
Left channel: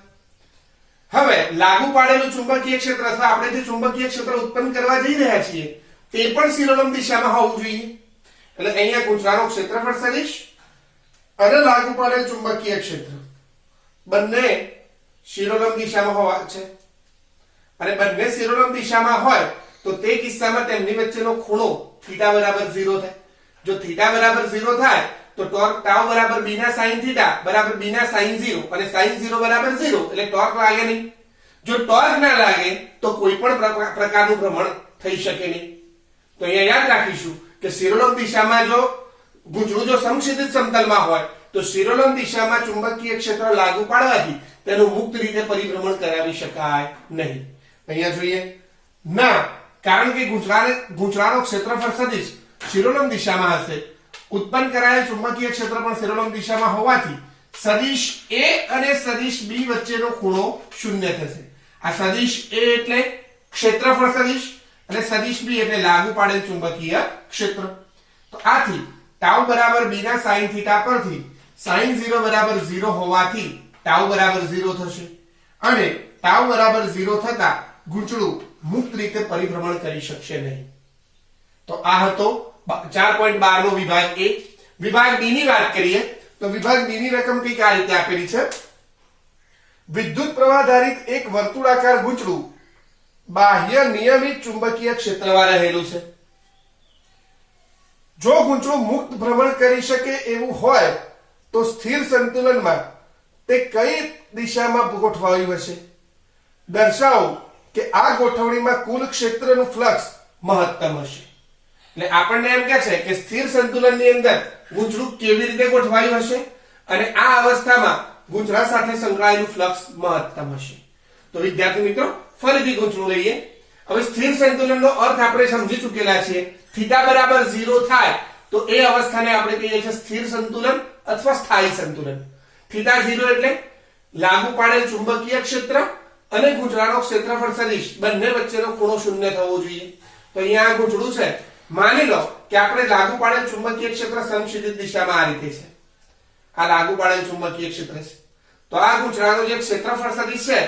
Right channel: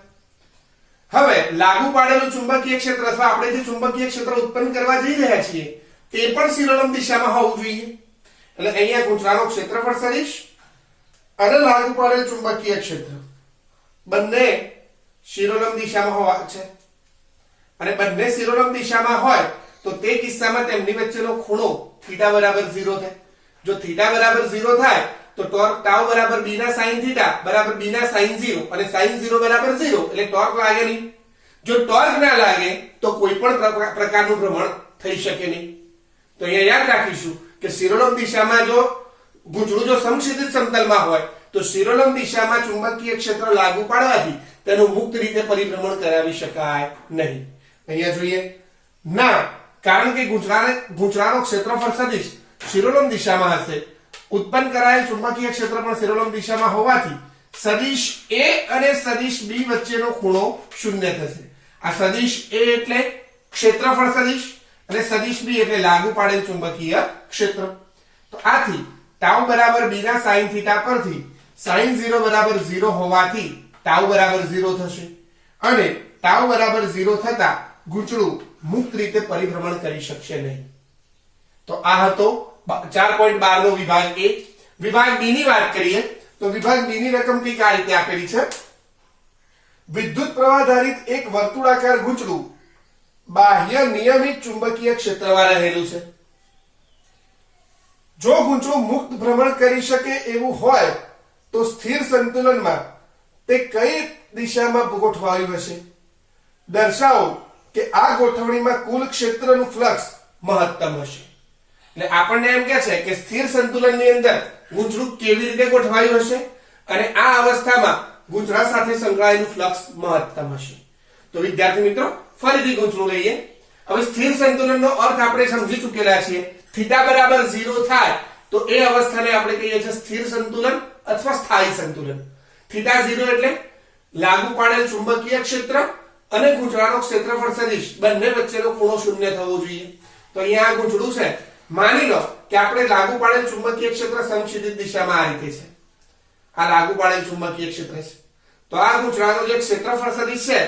હવે લાગુ પાડેલું ચુંબકીય ક્ષેત્ર અથવા આપણે જે ચુંબકીય ક્ષેત્ર ઉત્પન્ન કરવા જઈ રહ્યા છીએ તે પણ શિરોલંબ દિશામાં હોવું જોઈએ એટલે અહીંયા ગૂંચળાનો ક્ષેત્રફળ સદિશ અને લાગુ પાડેલ ચુંબકીય ક્ષેત્ર બંને શિરોલંબ દિશામાં હોવા છે અને બંને શિરોલંબ દિશામાં હોય તો તે કિસ્સામાં તેમની વચ્ચેનો ખૂણો થીટા બરાબર 0 થાય જો થીટા બરાબર 0 થાય તો ટોર્ક ટાઉ બરાબર b ના sin થીટા બરાબર b ના sin 0 અને sin 0 બરાબર 0 એટલે ટોર્ક લાગે નહીં જો ટોર્ક ના લાગે તો કોઈ પણ પ્રકારનું ભ્રમણ થઈ શકે નહીં તો અહીંયા યાદ રાખીશું કે શિરોલંબ દિશામાં જો ગૂંચળું જો સમક્ષિતિજ સમતલમાં હોય તો શિરોલંબ દિશામાં ચુંબકીય ક્ષેત્ર લાગુ પાડવાથી તેનું મુક્ત રીતે પરિભ્રમણ કરાવી શકાય નહીં અહીંયા જોઈએ ના કારણ કે ગૂંચળાનો ક્ષેત્રફળ સદિશ શિરોલંબ દિશામાં હશે ઉત્પન્ન કરાયેલ ચુંબકીય ક્ષેત્ર પણ શિરોલંબ દિશામાં હોવાથી સદિશ A અને સદિશ B વચ્ચેનો ખૂણો 0 થશે આ સદિશ A એટલે ક્ષેત્રફળ સદિશ અને સદિશ B એટલે લાગુ પાડેલ ચુંબકીય ક્ષેત્ર તો આથી ટાઉ બરાબર b ના sin θ પરથી sin 0 બરાબર 0 હોવાથી ટાઉ બરાબર 0 થશે અને ટાઉ બરાબર 0 થતા ગૂંચળું મુક્ત રીતે પરિભ્રમણ કરી શકશે નહીં. તો આ હતો 4.12 નો વિભાગ A. વિભાગ B ની વાત કરીએ તો વિભાગ B ની રકમ કંઈક આ રીતે આપેલી છે. વિદ્યુત પ્રવાહ ધારિત એક વર્તુળાકાર ગૂંચળું બાહ્ય નિયમિત ચુંબકીય ક્ષેત્રમાં રહેલું છે. જો ગૂંચળું મુક્ત ભ્રમણ કરી શકે એવું હોય તો સ્થિર સંતુલનમાં તે કઈ દિશામાં ગોઠવાયું હશે? દર્શાવો કે આ ગોઠવણીમાં કુલ ક્ષેત્રનું ફ્લક્સ મહત્તમ હશે. એટલે આપણને એમ કહે છે કે સ્થિર સંતુલનની અંદર ગૂંચળું કેવી રીતે ગોઠવાયું હશે અને આ અવસ્થામાં ગૂંચળા સાથે સંકળાયેલું ફ્લક્સ મહત્તમ હશે. તો વિદ્યાર્થી મિત્રો ફરીથી ગૂંચળું લઈએ. હવે સ્થિર સંતુલનનો અર્થ આપણે સમજી ચૂકેલા છીએ. થીટા બરાબર 0 થાય તો એ અવસ્થાને આપણે કહીએ છીએ સ્થિર સંતુલન અથવા સ્થાયી સંતુલન. થીટા 0 એટલે લાગુ પાડેલ ચુંબકીય ક્ષેત્ર અને ગૂંચળાનો ક્ષેત્રફળ સદિશ બંને વચ્ચેનો ખૂણો શૂન્ય થવો જોઈએ. તો અહીંયા આ ગૂંચળું છે. માની લો કે આપણે લાગુ પાડેલ ચુંબકીય ક્ષેત્ર સમક્ષિતિજ દિશામાં આ રીતે છે. આ લાગુ પાડેલ ચુંબકીય ક્ષેત્ર છે. તો આ ગૂંચળાનો જે ક્ષેત્રફળ સદિશ છે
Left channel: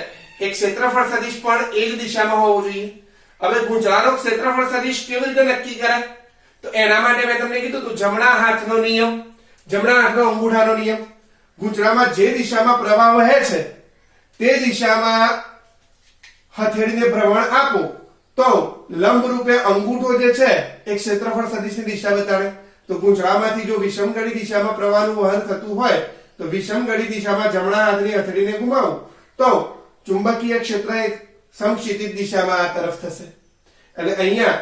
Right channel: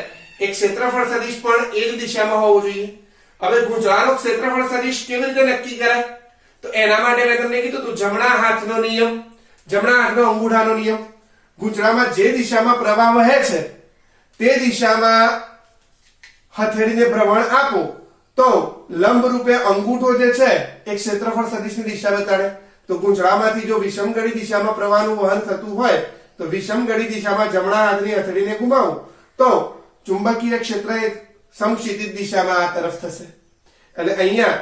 એ ક્ષેત્રફળ સદિશ પણ એ જ દિશામાં હોવો જોઈએ. હવે ગૂંચળાનો ક્ષેત્રફળ સદિશ કેવી રીતે નક્કી કરાય? તો એના માટે મેં તમને કીધું હતું જમણા હાથનો નિયમ, જમણા હાથનો અંગૂઠાનો નિયમ. ગૂંચળામાં જે દિશામાં પ્રવાહ વહે છે તે દિશામાં હથેળીને ભ્રમણ આપો તો લંબ રૂપે અંગૂઠો જે છે એ ક્ષેત્રફળ સદિશની દિશા બતાડે. તો ગૂંચળામાંથી જો વિષમગળી દિશામાં પ્રવાહનું વહન થતું હોય તો વિષમગળી દિશામાં જમણા હાથની હથેળીને ઘુમાવું તો ચુંબકીય ક્ષેત્ર એક સમક્ષિતિજ દિશામાં આ તરફ થશે. એટલે અહીંયા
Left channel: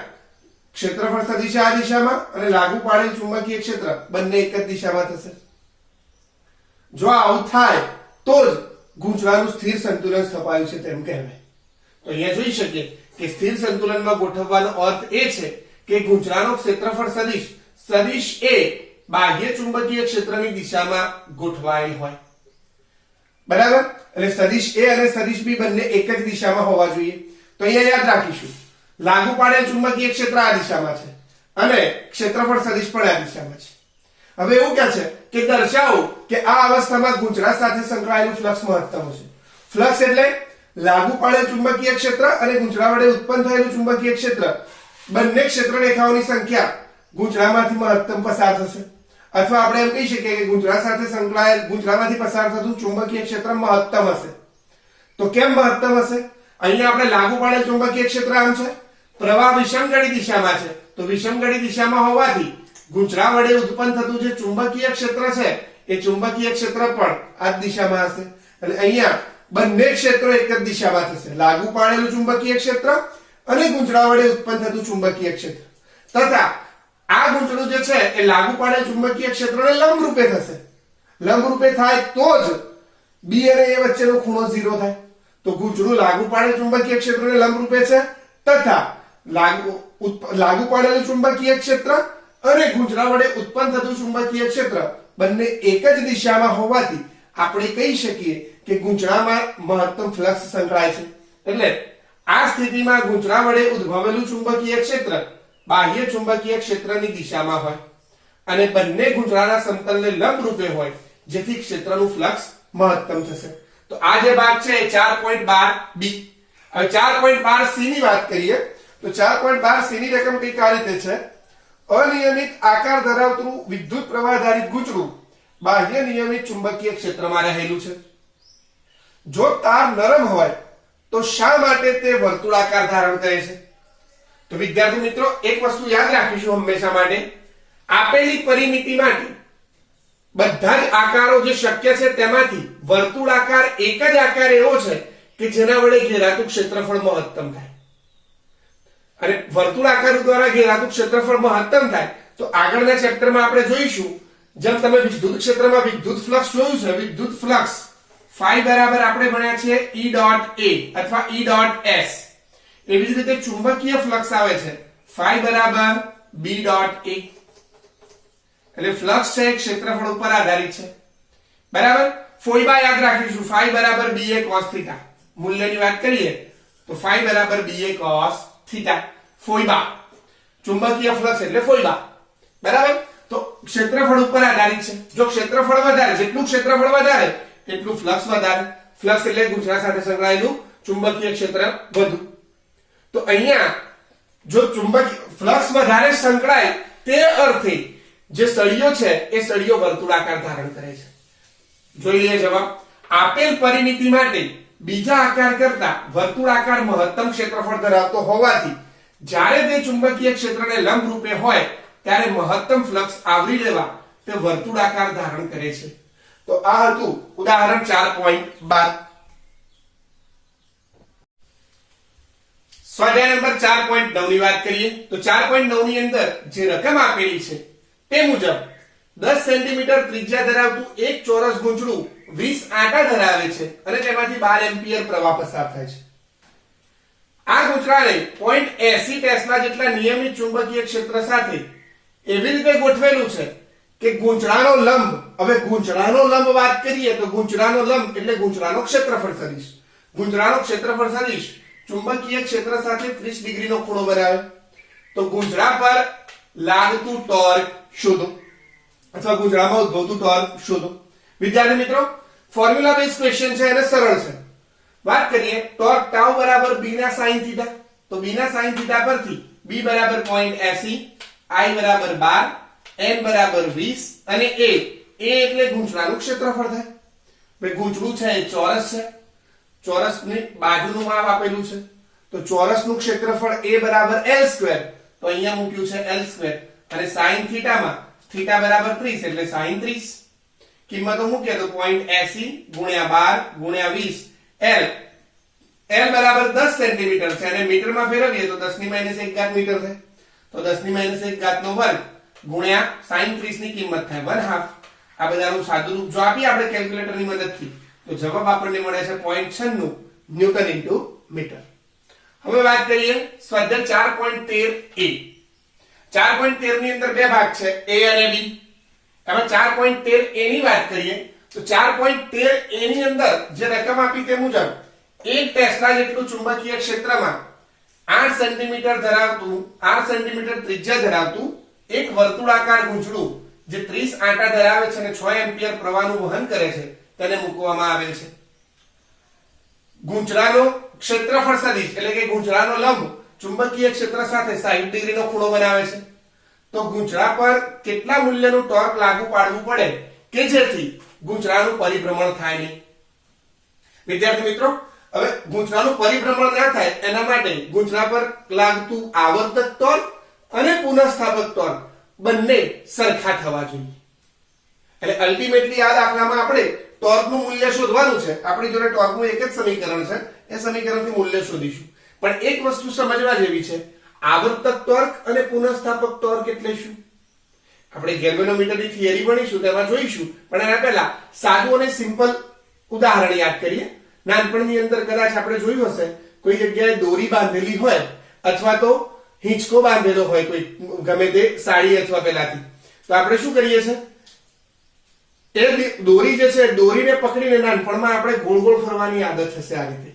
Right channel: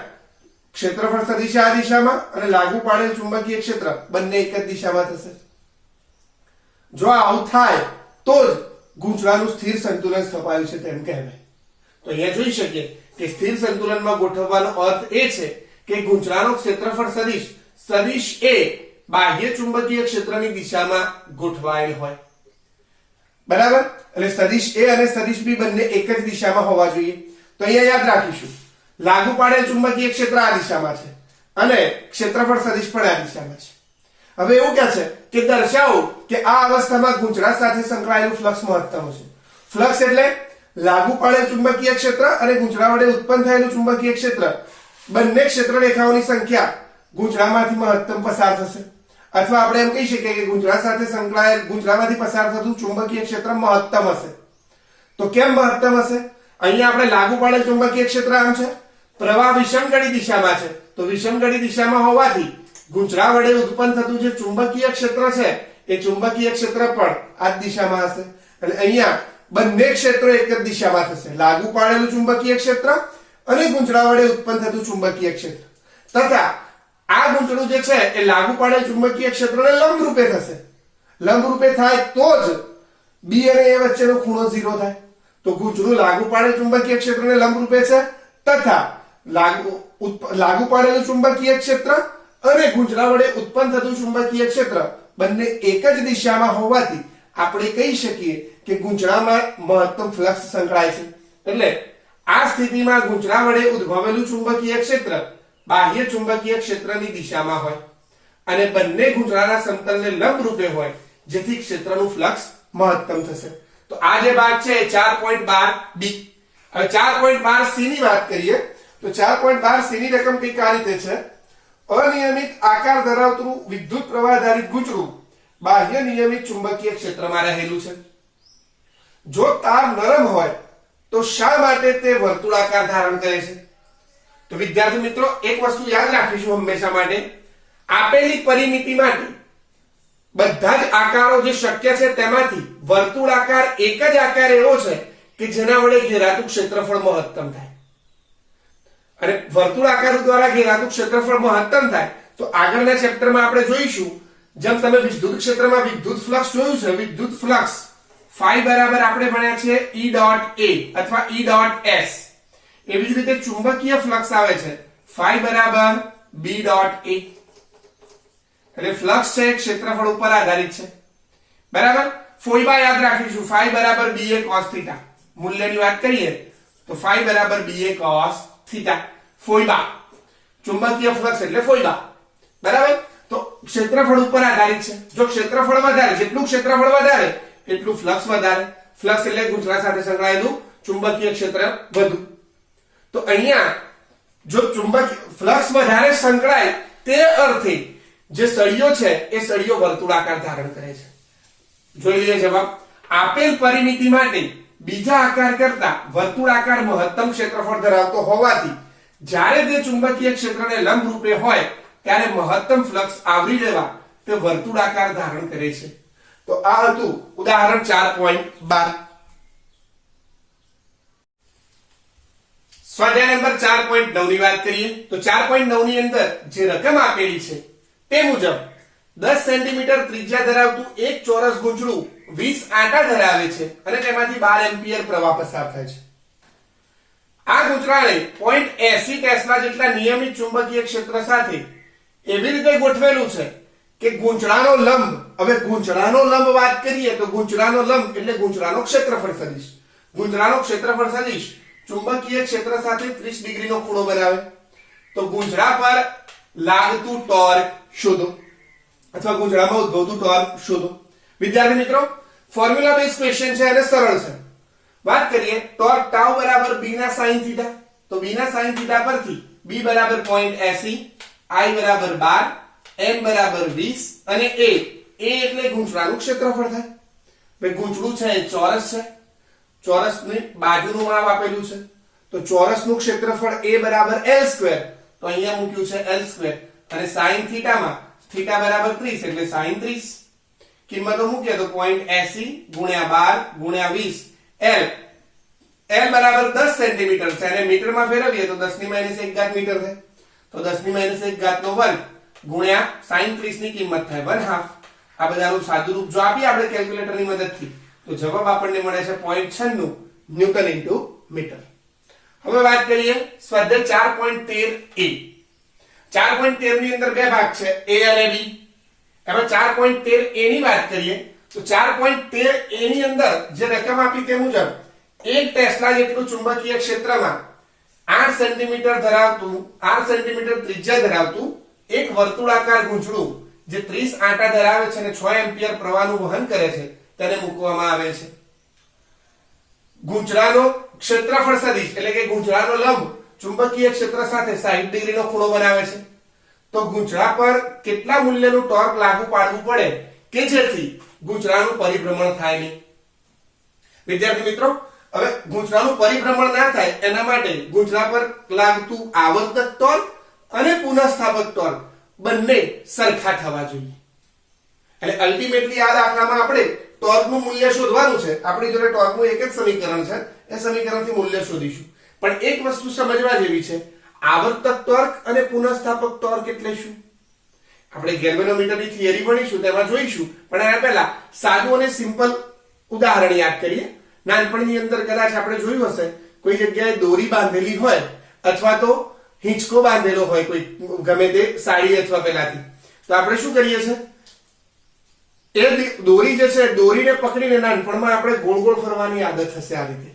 ક્ષેત્રફળ સદિશ આ દિશામાં અને લાગુ પાડેલ ચુંબકીય ક્ષેત્ર બંને એક જ દિશામાં થશે. જો આવું થાય તો જ ગૂંચળાનું સ્થિર સંતુલન સ્થપાયું છે તેમ કહેવાય. તો અહીંયા જોઈ શકીએ કે સ્થિર સંતુલનમાં ગોઠવવાનો અર્થ એ છે કે ગૂંચળાનો ક્ષેત્રફળ સદિશ સદિશ એ બાહ્ય ચુંબકીય ક્ષેત્રની દિશામાં ગોઠવાયેલ હોય. બરાબર? એટલે સદિશ A અને સદિશ B બંને એક જ દિશામાં હોવા જોઈએ. તો અહીંયા યાદ રાખીશું લાગુ પાડેલ ચુંબકીય ક્ષેત્ર આ દિશામાં છે અને ક્ષેત્રફળ સદિશ પણ આ દિશામાં છે. હવે એવું કહે છે કે દર્શાવો કે આ અવસ્થામાં ગૂંચળા સાથે સંકળાયેલું ફ્લક્સ મહત્તમ છે. ફ્લક્સ એટલે લાગુ પાડેલ ચુંબકીય ક્ષેત્ર અને ગૂંચળા વડે ઉત્પન્ન થયેલું ચુંબકીય ક્ષેત્ર બંને ક્ષેત્ર રેખાઓની સંખ્યા ગૂંચળામાંથી મહત્તમ પસાર થશે. અથવા આપણે એમ કહી શકીએ કે ગૂંચળા સાથે સંકળાયેલ ગૂંચળામાંથી પસાર થતું ચુંબકીય ક્ષેત્ર મહત્તમ હશે. તો કેમ મહત્તમ હશે? અહીંયા આપણે લાગુ પાડેલ ચુંબકીય ક્ષેત્ર આમ છે, પ્રવાહ વિષમગળી દિશામાં છે. તો વિષમગળી દિશામાં હોવાથી ગૂંચળા વડે ઉત્પન્ન થતું જે ચુંબકીય ક્ષેત્ર છે એ ચુંબકીય ક્ષેત્ર પણ આ જ દિશામાં હશે. એટલે અહીંયા બંને ક્ષેત્રો એક જ દિશામાં થશે. લાગુ પાડેલું ચુંબકીય ક્ષેત્ર અને ગૂંચળા વડે ઉત્પન્ન થતું ચુંબકીય ક્ષેત્ર. તથા આ ગૂંચળું જે છે એ લાગુ પાડેલ ચુંબકીય ક્ષેત્રને લંબ રૂપે થશે. લંબ રૂપે થાય તો જ B અને A વચ્ચેનો ખૂણો 0 થાય. તો ગૂંચળું લાગુ પાડેલ ચુંબકીય ક્ષેત્રને લંબ રૂપે છે તથા લાગુ પાડેલું ચુંબકીય ક્ષેત્ર અને ગૂંચળા વડે ઉત્પન્ન થતું ચુંબકીય ક્ષેત્ર બંને એક જ દિશામાં હોવાથી આપણે કહી શકીએ કે ગૂંચળામાં મહત્તમ ફ્લક્સ સંકળાય છે. એટલે આ સ્થિતિમાં ગૂંચળા વડે ઉદ્ભવેલું ચુંબકીય ક્ષેત્ર બાહ્ય ચુંબકીય ક્ષેત્રની દિશામાં હોય અને બંને ગૂંચળાના સમતલને લંબ રૂપે હોય જેથી ક્ષેત્રનું ફ્લક્સ મહત્તમ થશે. તો આ જે ભાગ છે 4.12 B. હવે 4.12 C ની વાત કરીએ તો 4.12 C ની રકમ કઈ આ રીતે છે. અનિયમિત આકાર ધરાવતું વિદ્યુત પ્રવાહ ધારિત ગૂંચળું બાહ્ય નિયમિત ચુંબકીય ક્ષેત્રમાં રહેલું છે. જો તાર નરમ હોય તો શા માટે તે વર્તુળાકાર ધારણ કરે છે? તો વિદ્યાર્થી મિત્રો એક વસ્તુ યાદ રાખીશું હંમેશા માટે, આપેલી પરિમિતિ માટે બધા જ આકારો જે શક્ય છે તેમાંથી વર્તુળાકાર એક જ આકાર એવો છે કે જેના વડે ઘેરાતું ક્ષેત્રફળ મહત્તમ થાય. અને વર્તુળાકાર દ્વારા ઘેરાતું ક્ષેત્રફળ મહત્તમ થાય તો આગળના ચેપ્ટરમાં આપણે જોઈશું. જેમ તમે વિદ્યુત ક્ષેત્રમાં વિદ્યુત ફ્લક્સ જોયું છે, વિદ્યુત ફ્લક્સ phi બરાબર આપણે ભણ્યા છે E ડોટ A અથવા E ડોટ S. એવી જ રીતે ચુંબકીય ફ્લક્સ આવે છે phi બરાબર B ડોટ A. એટલે ફ્લક્સ છે ક્ષેત્રફળ ઉપર આધારિત છે. બરાબર? ફોઈબા યાદ રાખીશું phi બરાબર BA cos θ. મૂલ્યની વાત કરીએ તો phi બરાબર BA cos θ. ફોઈબા ચુંબકીય ફ્લક્સ એટલે ફોઈબા. બરાબર? તો ક્ષેત્રફળ ઉપર આધારિત છે. જો ક્ષેત્રફળ વધારે, જેટલું ક્ષેત્રફળ વધારે એટલું ફ્લક્સ વધારે. ફ્લક્સ એટલે ગૂંચળા સાથે સંકળાયેલું ચુંબકીય ક્ષેત્ર વધુ. તો અહીંયા જો ચુંબકીય ફ્લક્સ વધારે સંકળાય તે અર્થે જે સળિયો છે એ સળિયો વર્તુળાકાર ધારણ કરે છે. જોઈ લઈએ જવાબ. આપેલ પરિમિતિ માટે બીજા આકાર કરતા વર્તુળાકાર મહત્તમ ક્ષેત્રફળ ધરાવતો હોવાથી જ્યારે તે ચુંબકીય ક્ષેત્રને લંબ રૂપે હોય ત્યારે મહત્તમ ફ્લક્સ આવરી લેવા તે વર્તુળાકાર ધારણ કરે છે. તો આ હતું ઉદાહરણ 4.12. સ્વાધ્યાય નંબર 4.9 ની વાત કરીએ તો 4.9 ની અંદર જે રકમ આપેલી છે તે મુજબ 10 સેન્ટીમીટર ત્રિજ્યા ધરાવતું એક ચોરસ ગૂંચળું 20 આંટા ધરાવે છે અને તેમાંથી 12 એમ્પિયર પ્રવાહ પસાર થાય છે. આ ગૂંચળાને 0.80 ટેસ્લા જેટલા નિયમિત ચુંબકીય ક્ષેત્ર સાથે એવી રીતે ગોઠવેલું છે કે ગૂંચળાનો લંબ, હવે ગૂંચળાનો લંબ વાત કરીએ તો ગૂંચળાનો લંબ એટલે ગૂંચળાનો ક્ષેત્રફળ સદિશ. ગૂંચળાનો ક્ષેત્રફળ સદિશ ચુંબકીય ક્ષેત્ર સાથે 30 ડિગ્રીનો ખૂણો બનાવે. તો ગૂંચળા પર લાગતું ટોર્ક શોધો અથવા ગૂંચળામાં ઉદ્ભવતું ટોર્ક શોધો. વિદ્યાર્થી મિત્રો, ફોર્મ્યુલા બેઝ ક્વેશ્ચન છે અને સરળ છે. વાત કરીએ ટોર્ક ટાઉ બરાબર b ના sin થીટા. તો b ના sin થીટા પરથી b બરાબર 0.80, i બરાબર 12, n બરાબર 20 અને a એટલે ગૂંચળાનું ક્ષેત્રફળ થાય. ભાઈ ગૂંચળું છે એ ચોરસ છે, ચોરસની બાજુનું માપ આપેલું છે તો ચોરસનું ક્ષેત્રફળ a બરાબર l2. તો અહીંયા મૂક્યું છે l2 અને sin થીટામાં થીટા બરાબર 30 એટલે sin 30. કિંમતો મૂકીએ તો 0.80 ગુણ્યા 12 ગુણ્યા 20 l બરાબર 10 સેન્ટીમીટર છે અને મીટરમાં ફેરવીએ તો 10 ની -1 મીટર થાય. તો 10 ની -1 નો વર્ગ ગુણ્યા sin 30 ની કિંમત થાય 1/2. આ બધાનું સાદું રૂપ જો આપીએ આપણે કેલ્ક્યુલેટરની મદદથી તો જવાબ આપણને મળે છે 0.96 ન્યૂટન ઇન્ટુ મીટર. હવે વાત કરીએ સ્વાધ્યાય 4.13a. 4.13 ની અંદર બે ભાગ છે a અને b. એમાં 4.13a ની વાત કરીએ તો 4.13a ની અંદર જે રકમ આપી તે મુજબ 1 ટેસ્લા જેટલું ચુંબકીય ક્ષેત્રમાં 8 સેન્ટીમીટર ત્રિજ્યા ધરાવતું એક વર્તુળાકાર ગૂંચળું જે 30 આંટા ધરાવે છે અને 6 એમ્પિયર પ્રવાહનું વહન કરે છે તેને મૂકવામાં આવે છે. ગૂંચળાનો ક્ષેત્રફળ સદિશ એટલે કે ગૂંચળાનો લંબ ચુંબકીય ક્ષેત્ર સાથે 60 ડિગ્રીનો ખૂણો બનાવે છે. તો ગૂંચળા પર કેટલા મૂલ્યનું ટોર્ક લાગુ પાડવું પડે કે જેથી ગૂંચળાનું પરિભ્રમણ થાય નહીં? વિદ્યાર્થી મિત્રો, હવે ગૂંચળાનું પરિભ્રમણ ના થાય એના માટે ગૂંચળા પર લાગતું આવર્તક ટોર્ક અને પુનઃસ્થાપક ટોર્ક બંને સરખા થવા જોઈએ. અને અલ્ટિમેટલી આ દાખલામાં આપણે ટોર્કનું મૂલ્ય શોધવાનું છે. આપણી જોડે ટોર્કનું એક જ સમીકરણ છે, એ સમીકરણથી મૂલ્ય શોધીશું. પણ એક વસ્તુ સમજવા જેવી છે, આવર્તક ટોર્ક અને પુનઃસ્થાપક ટોર્ક એટલે શું? આપણે ગેલ્વેનોમીટરની થિયરી ભણીશું તેમાં જોઈશું, પણ એના પહેલા સાદું અને સિમ્પલ ઉદાહરણ યાદ કરીએ. નાનપણની અંદર કદાચ આપણે જોયું હશે કોઈ જગ્યાએ દોરી બાંધેલી હોય અથવા તો હિંચકો બાંધેલો હોય કોઈ ગમે તે સાડી અથવા પેલાથી, તો આપણે શું કરીએ છીએ? એ દોરી જે છે દોરીને પકડીને નાનપણમાં આપણે ગોળ ગોળ ફરવાની આદત હશે. આ રીતે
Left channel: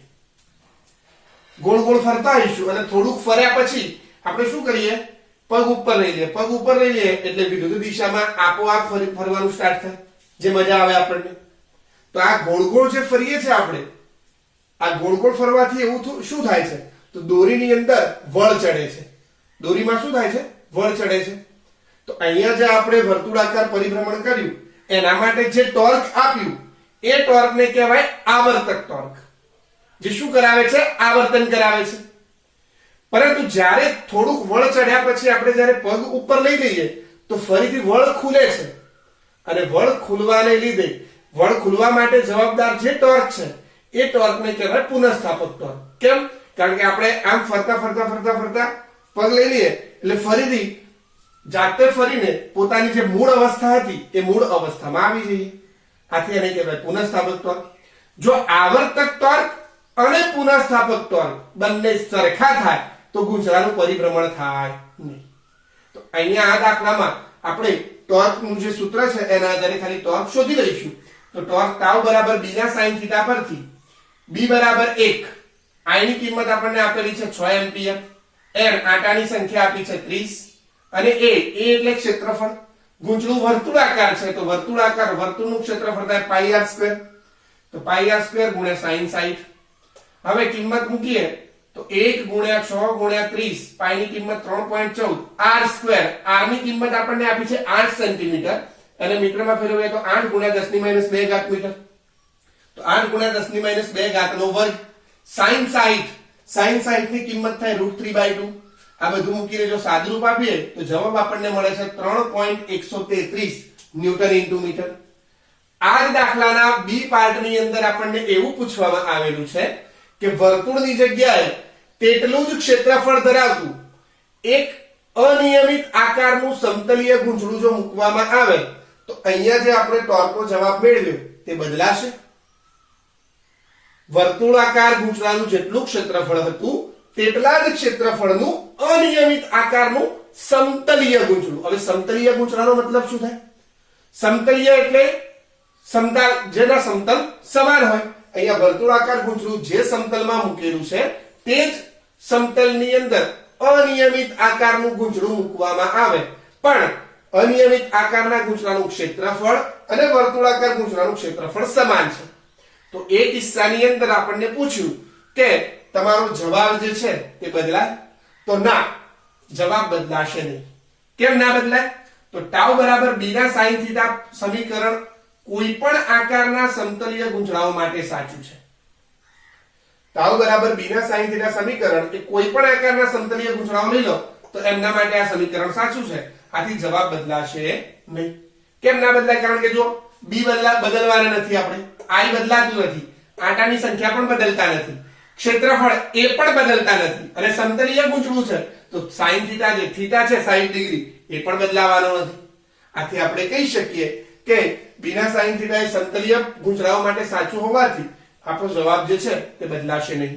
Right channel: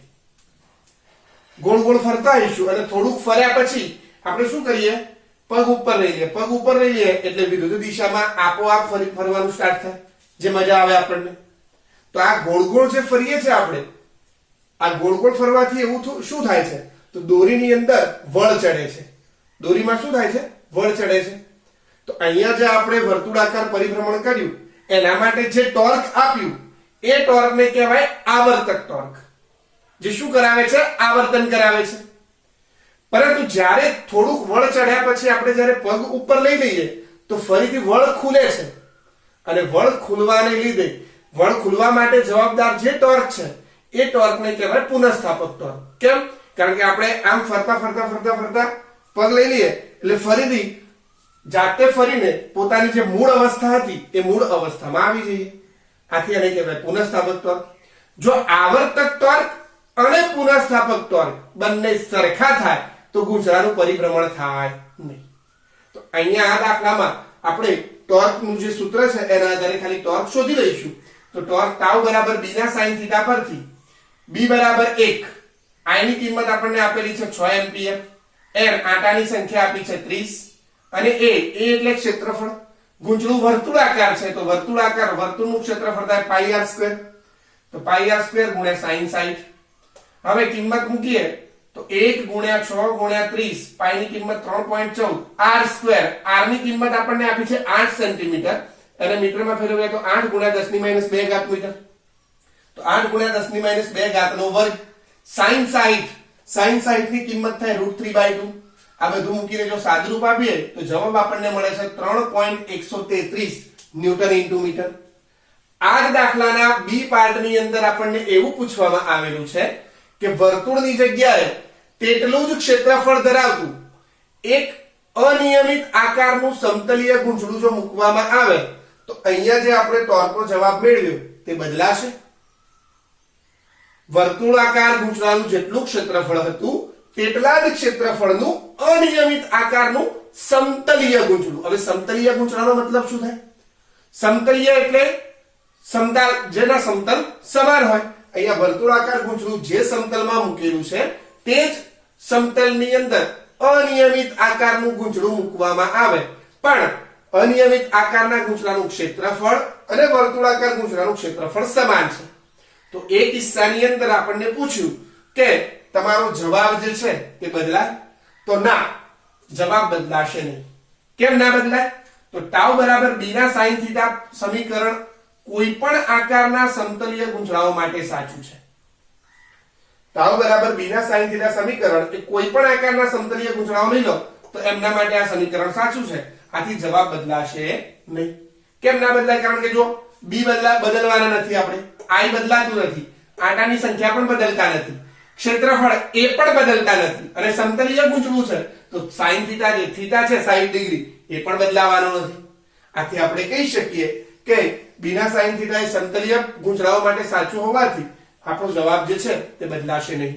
ગોળ ગોળ ફરતા આવીશું અને થોડુંક ફર્યા પછી આપણે શું કરીએ? પગ ઉપર લઈ લઈએ. પગ ઉપર લઈ લઈએ એટલે વિરુદ્ધ દિશામાં આપોઆપ ફરવાનું સ્ટાર્ટ થાય, જે મજા આવે આપણને. તો આ ગોળ ગોળ જે ફરીએ છે આપણે, આ ગોળ ગોળ ફરવાથી એવું શું થાય છે? તો દોરીની અંદર વળ ચડે છે. દોરીમાં શું થાય છે? વળ ચડે છે. તો અહીંયા જે આપણે વર્તુળાકાર પરિભ્રમણ કર્યું એના માટે જે ટોર્ક આપ્યું એ ટોર્કને કહેવાય આવર્તક ટોર્ક, જે શું કરાવે છે? આવર્તન કરાવે છે. પરંતુ જ્યારે થોડુંક વળ ચડ્યા પછી આપણે જ્યારે પગ ઉપર લઈ દઈએ તો ફરીથી વળ ખુલે છે અને વળ ખુલવાને લીધે વળ ખુલવા માટે જવાબદાર જે ટોર્ક છે એ ટોર્કને કહેવાય પુનઃસ્થાપક ટોર્ક. કેમ? કારણ કે આપણે આમ ફરતા ફરતા ફરતા ફરતા પગ લઈ લઈએ એટલે ફરીથી જાતે ફરીને પોતાની જે મૂળ અવસ્થા હતી એ મૂળ અવસ્થામાં આવી જઈએ. આથી એને કહેવાય પુનઃસ્થાપક ટોર્ક. જો આવર્તક ટોર્ક અને પુનઃસ્થાપક ટોર્ક બંને સરખા થાય તો ગૂંચળાનું પરિભ્રમણ થાય નહીં. તો અહીંયા આ દાખલામાં આપણે ટોર્કનું જે સૂત્ર છે એના આધારે ખાલી ટોર્ક શોધી લઈશું. તો ટોર્ક ટાઉ બરાબર b ના sin થીટા પરથી b બરાબર 1, i ની કિંમત આપણને આપેલી છે 6 એમ્પિયર, n આંટાની સંખ્યા આપી છે 30 અને a એટલે ક્ષેત્રફળ. ગૂંચળું વર્તુળાકાર છે તો વર્તુળાકાર વર્તુળનું ક્ષેત્રફળ થાય πr². તો પાઈ આર સ્ક્વેર ગુણ્યા સાઈન 60. હવે કિંમત મૂકીએ તો 1 ગુણ્યા 6 ગુણ્યા 30, પાઈ ની કિંમત 3.14, આર સ્ક્વેર, આર ની કિંમત આપણને આપી છે 8 સેન્ટીમીટર અને મીટરમાં ફેરવીએ તો 8 ગુણ્યા 10 ની માઈનસ 2 ઘાત મીટર. તો 8 ગુણ્યા 10 ની માઈનસ 2 ઘાત નો વર્ગ. સાઈન 60, સાઈન 60 ની કિંમત થાય √3/2. આ બધું મૂકીને જો સાદુરૂપ આપીએ તો જવાબ આપણને મળે છે 3.133 ન્યૂટન ઇન્ટુ મીટર. આ જ દાખલાના બી પાર્ટની અંદર આપણને એવું પૂછવામાં આવેલું છે કે વર્તુળની જગ્યાએ તેટલું જ ક્ષેત્રફળ ધરાવતું એક અનિયમિત આકારનું સમતલીય ગૂંચળું જો મૂકવામાં આવે તો અહીંયા જે આપણે ટોર્કો જવાબ મેળવ્યો તે બદલાશે. વર્તુળાકાર ગૂંચળાનું જેટલું ક્ષેત્રફળ હતું તેટલા જ ક્ષેત્રફળનું અનિયમિત આકારનું સમતલીય ગૂંચળું. હવે સમતલીય ગૂંચળાનો મતલબ શું થાય? સમતલીય એટલે સમતલ, જેના સમતલ સમાન હોય. અહીંયા વર્તુળાકાર ગૂંચળું જે સમતલમાં મૂકેલું છે તે જ સમતલની અંદર અનિયમિત આકારનું ગૂંચળું મૂકવામાં આવે, પણ અનિયમિત આકારના ગૂંચળાનું ક્ષેત્રફળ અને વર્તુળાકાર ગૂંચળાનું ક્ષેત્રફળ સમાન છે. તો એ કિસ્સાની અંદર આપણને પૂછ્યું કે તમારો જવાબ જે છે તે બદલાય? તો ના, જવાબ બદલાશે નહીં. કેમ ના બદલાય? તો ટાઉ બરાબર b ના sin થીટા સમીકરણ કોઈ પણ આકારના સમતલીય ગૂંચળાઓ માટે સાચું છે. ટાઉ બરાબર b ના sin થીટા સમીકરણ એ કોઈ પણ આકારના સમતલીય ગૂંચળાઓ લઈ લો તો એમના માટે આ સમીકરણ સાચું છે. આથી જવાબ બદલાશે નહીં. કેમ ના બદલાય? કારણ કે જો b બદલવાના નથી, આપણે i બદલાતું નથી, આંટાની સંખ્યા પણ બદલતા નથી, ક્ષેત્રફળ એ પણ બદલતા નથી અને સમતલીય ગૂંચળું છે તો sin થીટા જે થીટા છે 60 ડિગ્રી એ પણ બદલાવાનો નથી. આથી આપણે કહી શકીએ કે b ના sin થીટા એ સમતલીય ગૂંચળાઓ માટે સાચું હોવાથી આપણો જવાબ જે છે તે બદલાશે નહીં.